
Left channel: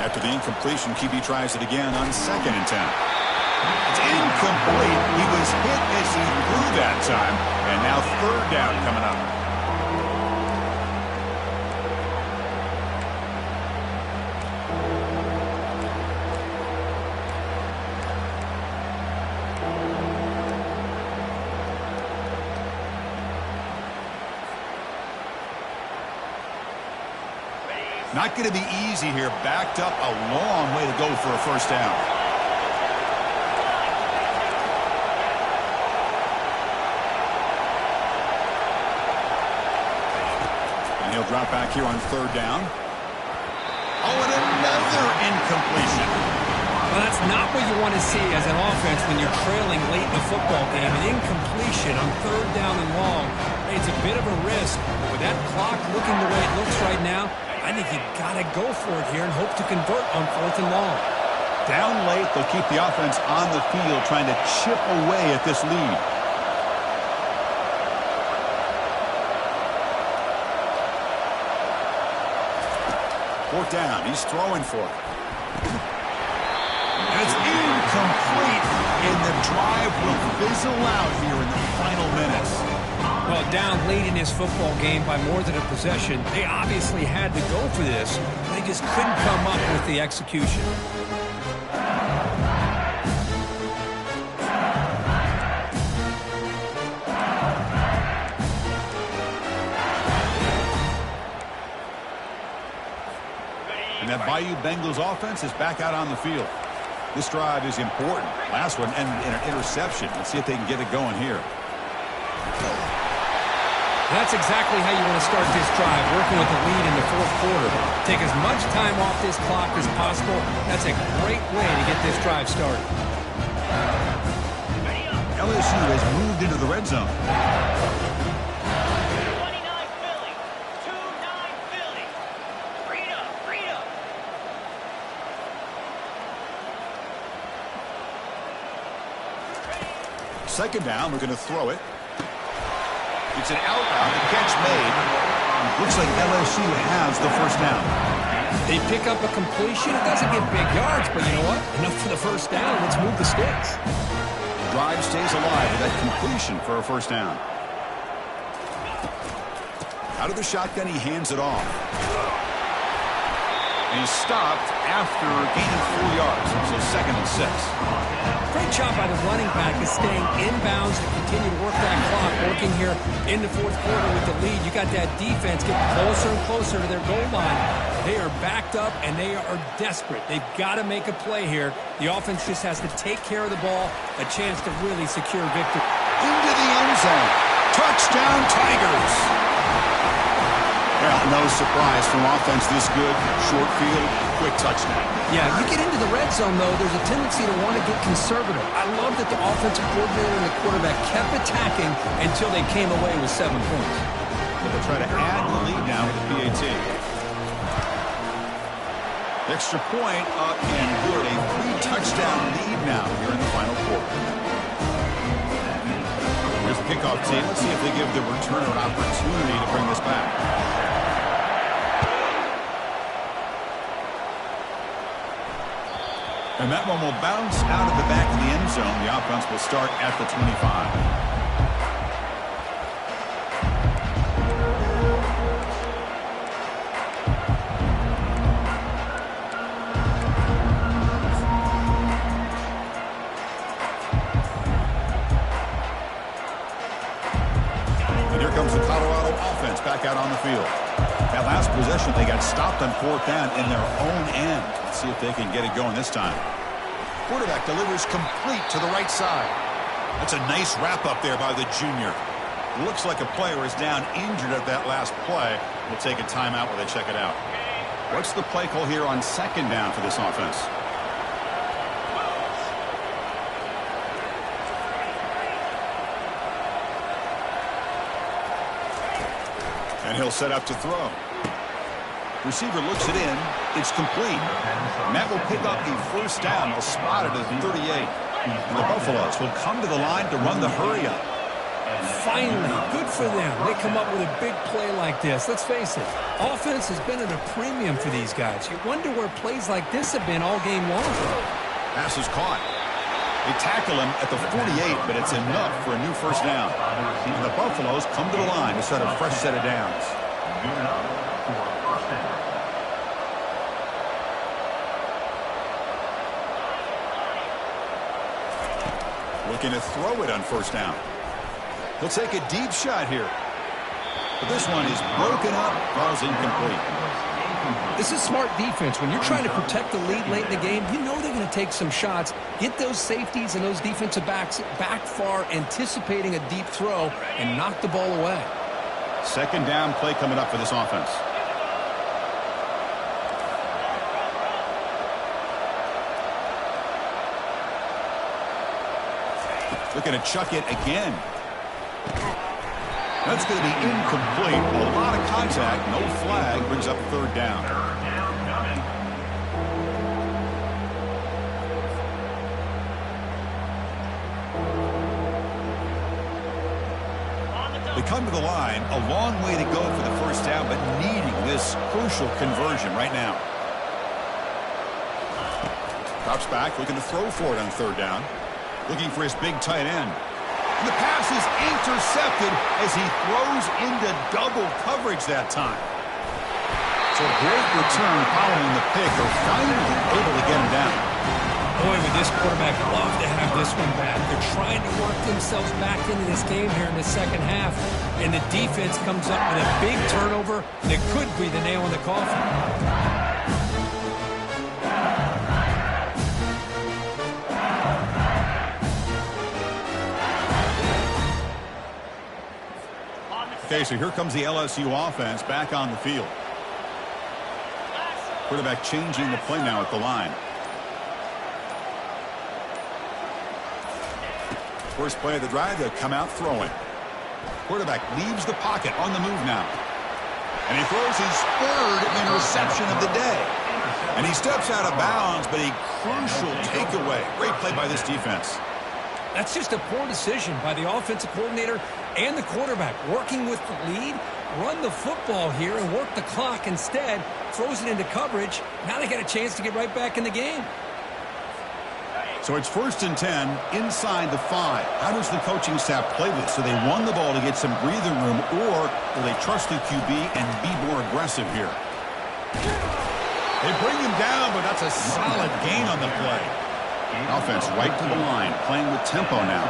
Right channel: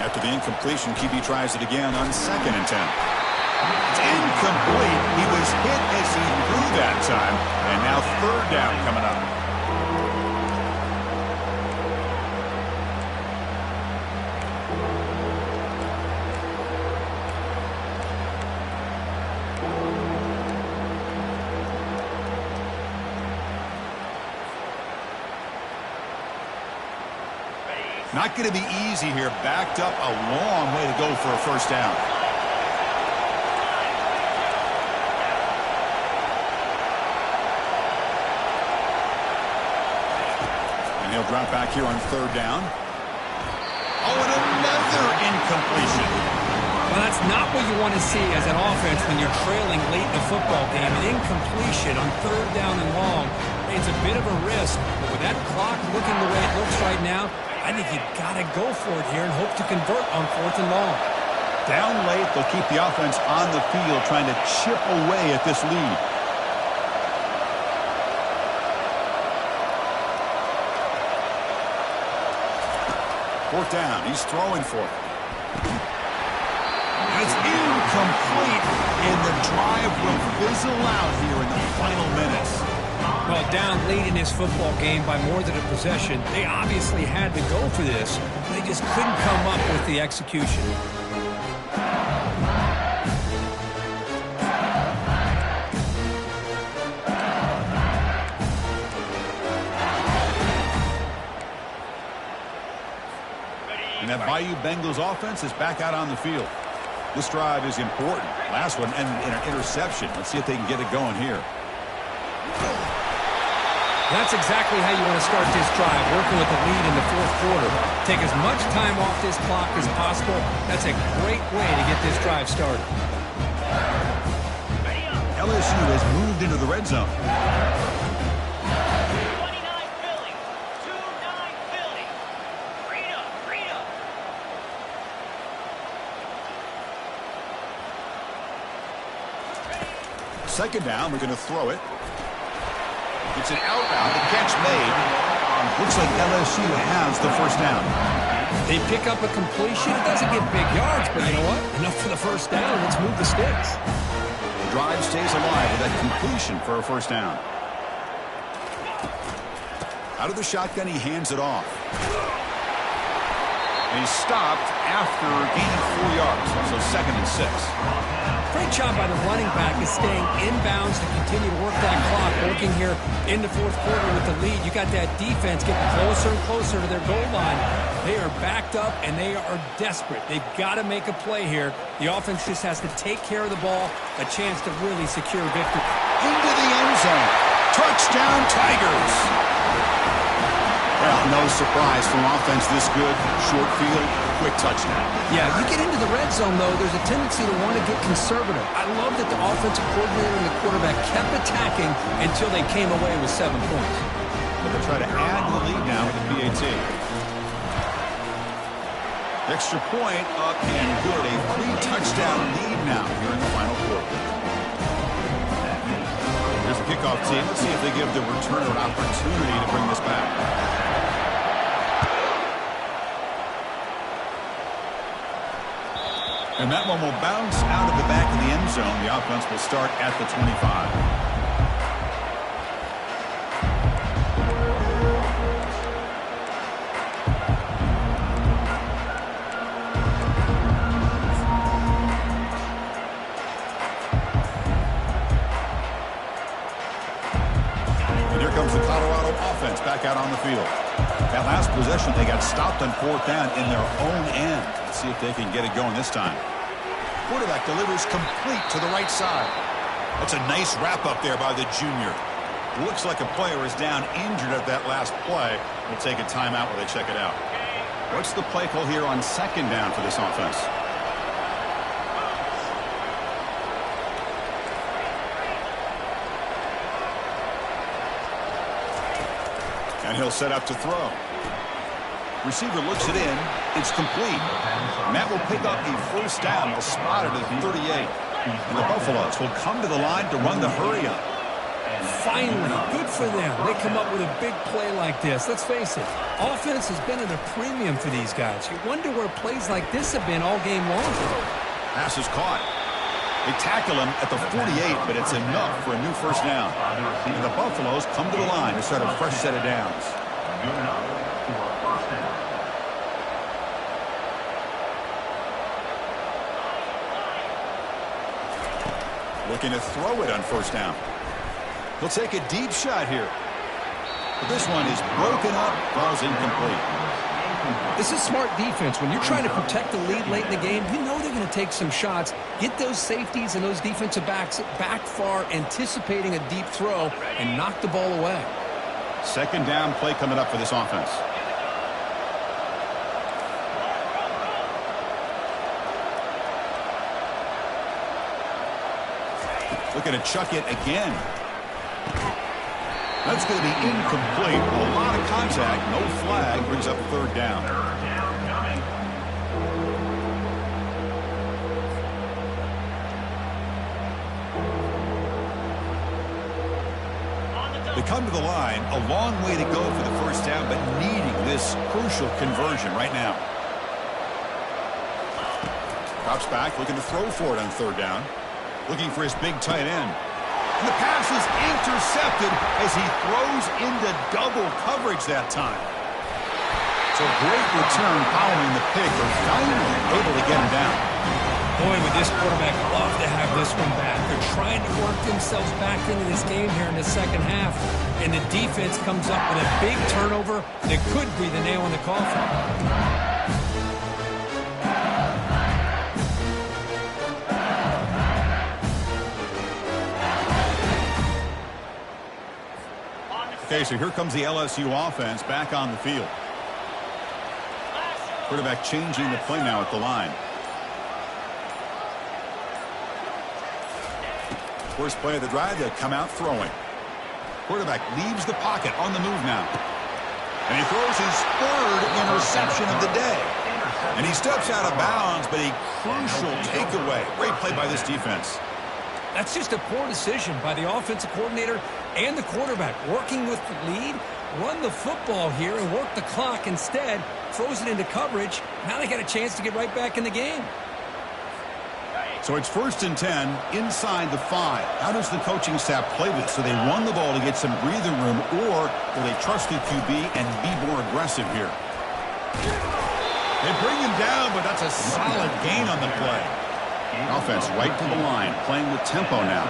After the incompletion, QB tries it again on 2nd and 10. It's incomplete. He was hit as he threw that time. And now 3rd down coming up. Not going to be easy here. Backed up a long way to go for a first down. And he'll drop back here on third down. Oh, and another incompletion. Well, that's not what you want to see as an offense when you're trailing late in the football game. An incompletion on third down and long. It's a bit of a risk, but with that clock looking the way it looks right now, I think you got to go for it here and hope to convert on fourth and long. Down late, they'll keep the offense on the field trying to chip away at this lead. Fourth down, he's throwing for it. And it's incomplete, and the drive will fizzle out here in the final minutes. Well, down late in this football game by more than a possession, they obviously had to go for this, but they just couldn't come up with the execution. And that Bayou Bengals offense is back out on the field. This drive is important. Last one ended in an interception. Let's see if they can get it going here. That's exactly how you want to start this drive, working with the lead in the fourth quarter. Take as much time off this clock as possible. That's a great way to get this drive started. LSU has moved into the red zone. 29 Philly. 2-9 Philly. Rita. Second down, we're going to throw it. It's an outbound, the catch made. Looks like LSU has the first down. They pick up a completion. It doesn't get big yards, but you know what? Enough for the first down. Let's move the sticks. The drive stays alive with that completion for a first down. Out of the shotgun, he hands it off. And he's stopped after gaining 4 yards, so 2nd and 6. Great job by the running back is staying inbounds to continue to work that clock, working here in the fourth quarter with the lead. You got that defense getting closer and closer to their goal line. They are backed up, and they are desperate. They've got to make a play here. The offense just has to take care of the ball, a chance to really secure victory. Into the end zone. Touchdown, Tigers. Well, no surprise from offense this good. Short field, quick touchdown. Yeah, you get into the red zone, though, there's a tendency to want to get conservative. I love that the offensive coordinator and the quarterback kept attacking until they came away with 7 points. But they'll try to add to the lead now with the PAT. Extra point up and good. A 3-touchdown lead now here in the final quarter. Here's the kickoff team. Let's see if they give the returner an opportunity to bring this back. And that one will bounce out of the back of the end zone. The offense will start at the 25. And here comes the Colorado offense back out on the field. That last possession, they got stopped on 4th down in their own end. Let's see if they can get it going this time. Quarterback delivers complete to the right side. That's a nice wrap up there by the junior. Looks like a player is down injured at that last play. We'll take a timeout while they check it out. What's the play call here on 2nd down for this offense? And he'll set up to throw. Receiver looks it in. It's complete. Matt will pick up the first down. They'll spot it at 38. And the Buffaloes will come to the line to run the hurry up. Finally, good for them. They come up with a big play like this. Let's face it, offense has been at a premium for these guys. You wonder where plays like this have been all game long. Pass is caught. They tackle him at the 48, but it's enough for a new first down. And the Buffaloes come to the line to start a fresh set of downs. Good enough for a first down. Looking to throw it on first down. He'll take a deep shot here. But this one is broken up, falls incomplete. This is smart defense. When you're trying to protect the lead late in the game, you know they're going to take some shots. Get those safeties and those defensive backs back far, anticipating a deep throw, and knock the ball away. Second down play coming up for this offense. Looking to chuck it again. That's going to be incomplete. A lot of contact, no flag, brings up third down. Third down coming. They come to the line, a long way to go for the first down, but needing this crucial conversion right now. Drops back, looking to throw for it on third down. Looking for his big tight end. And the pass is intercepted as he throws into double coverage that time. So great return following the pick. They're finally able to get him down. Boy, would this quarterback love to have this one back. They're trying to work themselves back into this game here in the second half. And the defense comes up with a big turnover that could be the nail in the coffin. Okay, so here comes the LSU offense back on the field. Quarterback changing the play now at the line. First play of the drive, they'll come out throwing. Quarterback leaves the pocket on the move now. And he throws his third interception of the day. And he steps out of bounds, but a crucial takeaway. Great play by this defense. That's just a poor decision by the offensive coordinator and the quarterback. Working with the lead, run the football here and work the clock instead. Throws it into coverage. Now they got a chance to get right back in the game. So it's 1st and 10 inside the 5. How does the coaching staff play this? So they run the ball to get some breathing room, or will they trust the QB and be more aggressive here? They bring him down, but that's a solid gain on the play. Offense right to the line, playing with tempo now.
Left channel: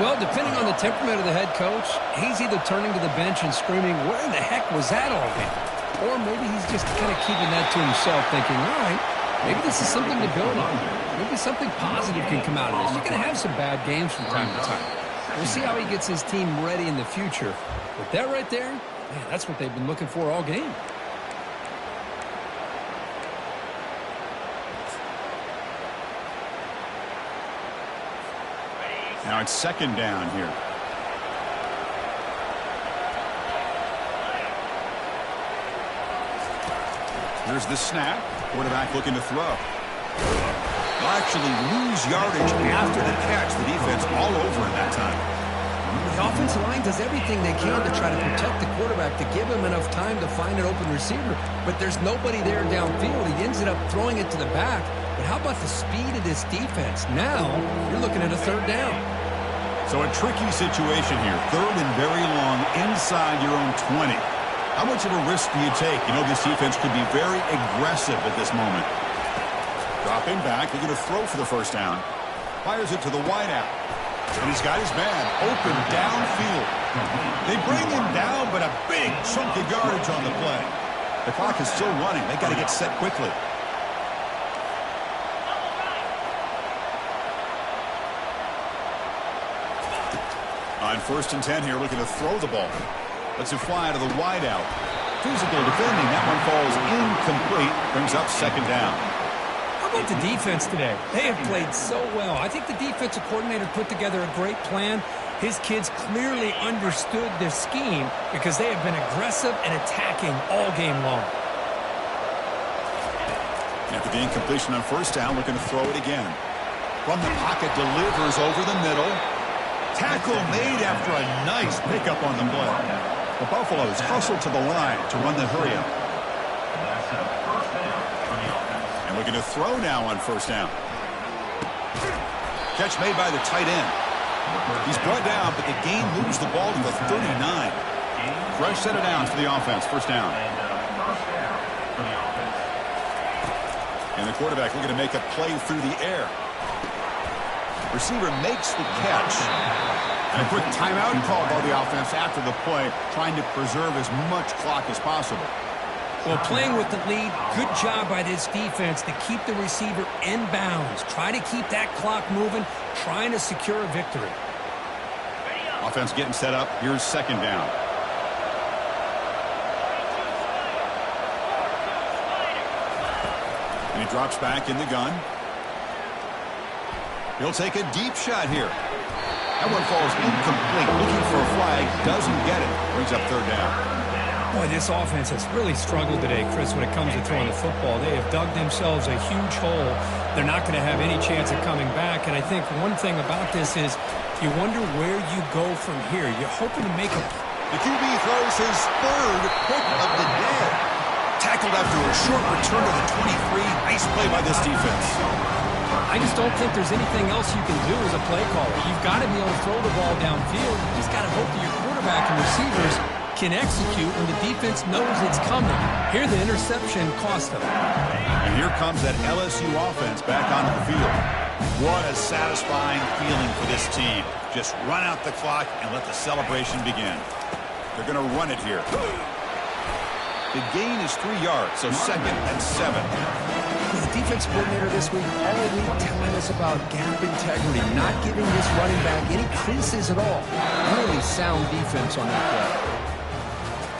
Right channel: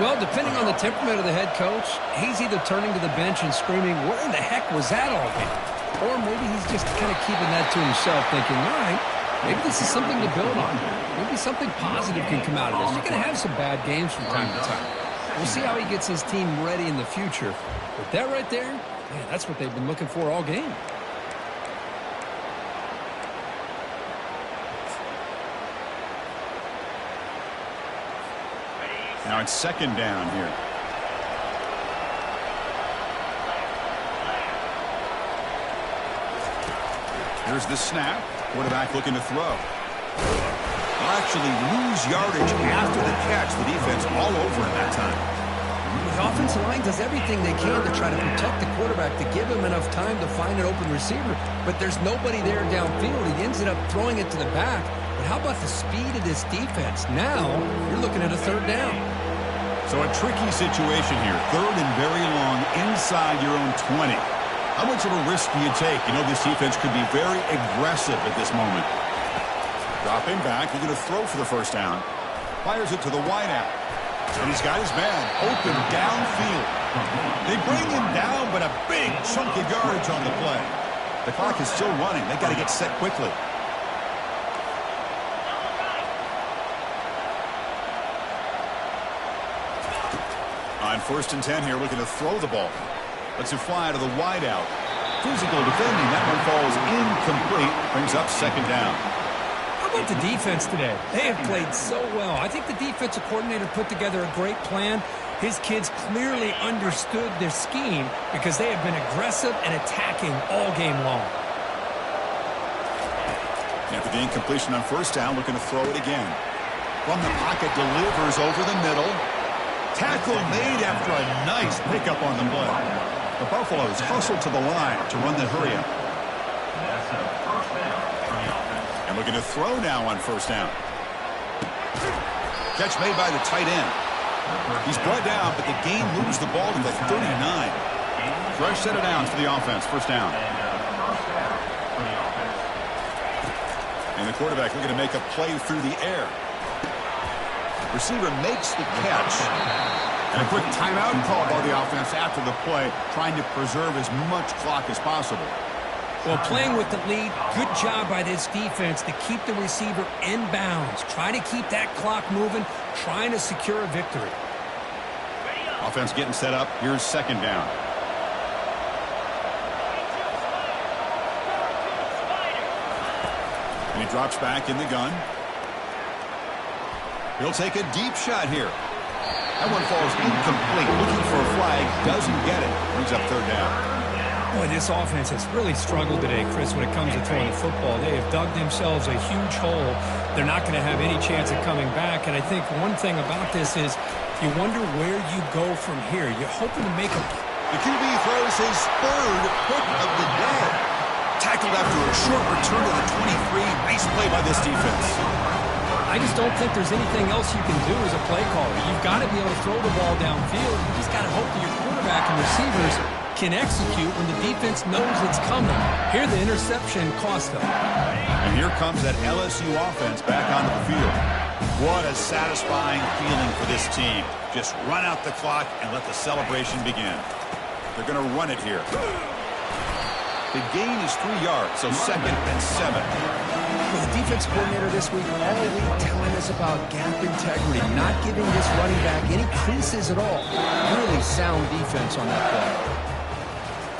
Well, depending on the temperament of the head coach, he's either turning to the bench and screaming, where in the heck was that all game? Or maybe he's just kind of keeping that to himself, thinking, all right, maybe this is something to build on. Maybe something positive can come out of this. You're going to have some bad games from time to time. We'll see how he gets his team ready in the future. But that right there, man, that's what they've been looking for all game. Now it's second down here. Here's the snap. Quarterback looking to throw. They'll actually lose yardage after the catch. The defense all over in that time. The offensive line does everything they can to try to protect the quarterback, to give him enough time to find an open receiver. But there's nobody there downfield. He ends up throwing it to the back. But how about the speed of this defense? Now you're looking at a third down. So a tricky situation here. Third and very long inside your own 20. How much of a risk do you take? You know this defense could be very aggressive at this moment. Dropping back, looking to throw for the first down. Fires it to the wideout. And he's got his man open downfield. They bring him down, but a big chunk of yardage on the play. The clock is still running. They got to get set quickly. On 1st and 10 here, looking to throw the ball. Lets it fly to the wideout. Physical defending. That one falls incomplete. Brings up second down. How about the defense today? They have played so well. I think the defensive coordinator put together a great plan. His kids clearly understood their scheme because they have been aggressive and attacking all game long. After the incompletion on first down, looking to throw it again. From the pocket, delivers over the middle. Tackle made after a nice pickup on the play. The Buffaloes hustle to the line to run the hurry-up. That's a first down for the offense. And looking to throw now on first down. Catch made by the tight end. He's brought down, but the gain moves the ball to the 39. Fresh set of downs for the offense. First down. First down for the offense. And the quarterback looking to make a play through the air. Receiver makes the catch. And a quick timeout called by the offense after the play, trying to preserve as much clock as possible. Well, playing with the lead, good job by this defense to keep the receiver in bounds. Try to keep that clock moving, trying to secure a victory. Offense getting set up. Here's second down. And he drops back in the gun. He'll take a deep shot here. That one falls incomplete. Looking for a flag. Doesn't get it. Brings up third down. Boy, this offense has really struggled today, Chris, when it comes to throwing the football. They have dug themselves a huge hole. They're not going to have any chance of coming back. And I think one thing about this is you wonder where you go from here. You're hoping to make a... The QB throws his third pick of the day. Tackled after a short return to the 23. Nice play by this defense. I just don't think there's anything else you can do as a play caller. You've got to be able to throw the ball downfield. You just got to hope that your quarterback and receivers can execute when the defense knows it's coming. Here, the interception cost them. And here comes that LSU offense back onto the field. What a satisfying feeling for this team. Just run out the clock and let the celebration begin. They're going to run it here. The gain is 3 yards, so 2nd and 7. Well, the defense coordinator this week all week telling us about gap integrity, not giving this running back any creases at all. Really sound defense on that play.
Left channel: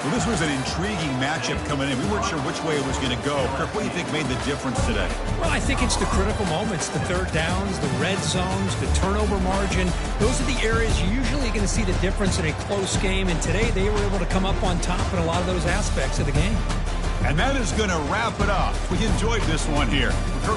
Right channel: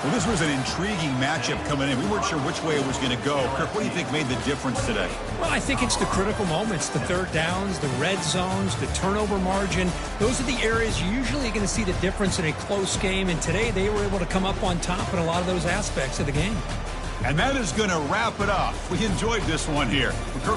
Well, this was an intriguing matchup coming in. We weren't sure which way it was going to go. Kirk, what do you think made the difference today? Well, I think it's the critical moments, the third downs, the red zones, the turnover margin. Those are the areas you're usually going to see the difference in a close game. And today they were able to come up on top in a lot of those aspects of the game. And that is going to wrap it up. We enjoyed this one here. Kirk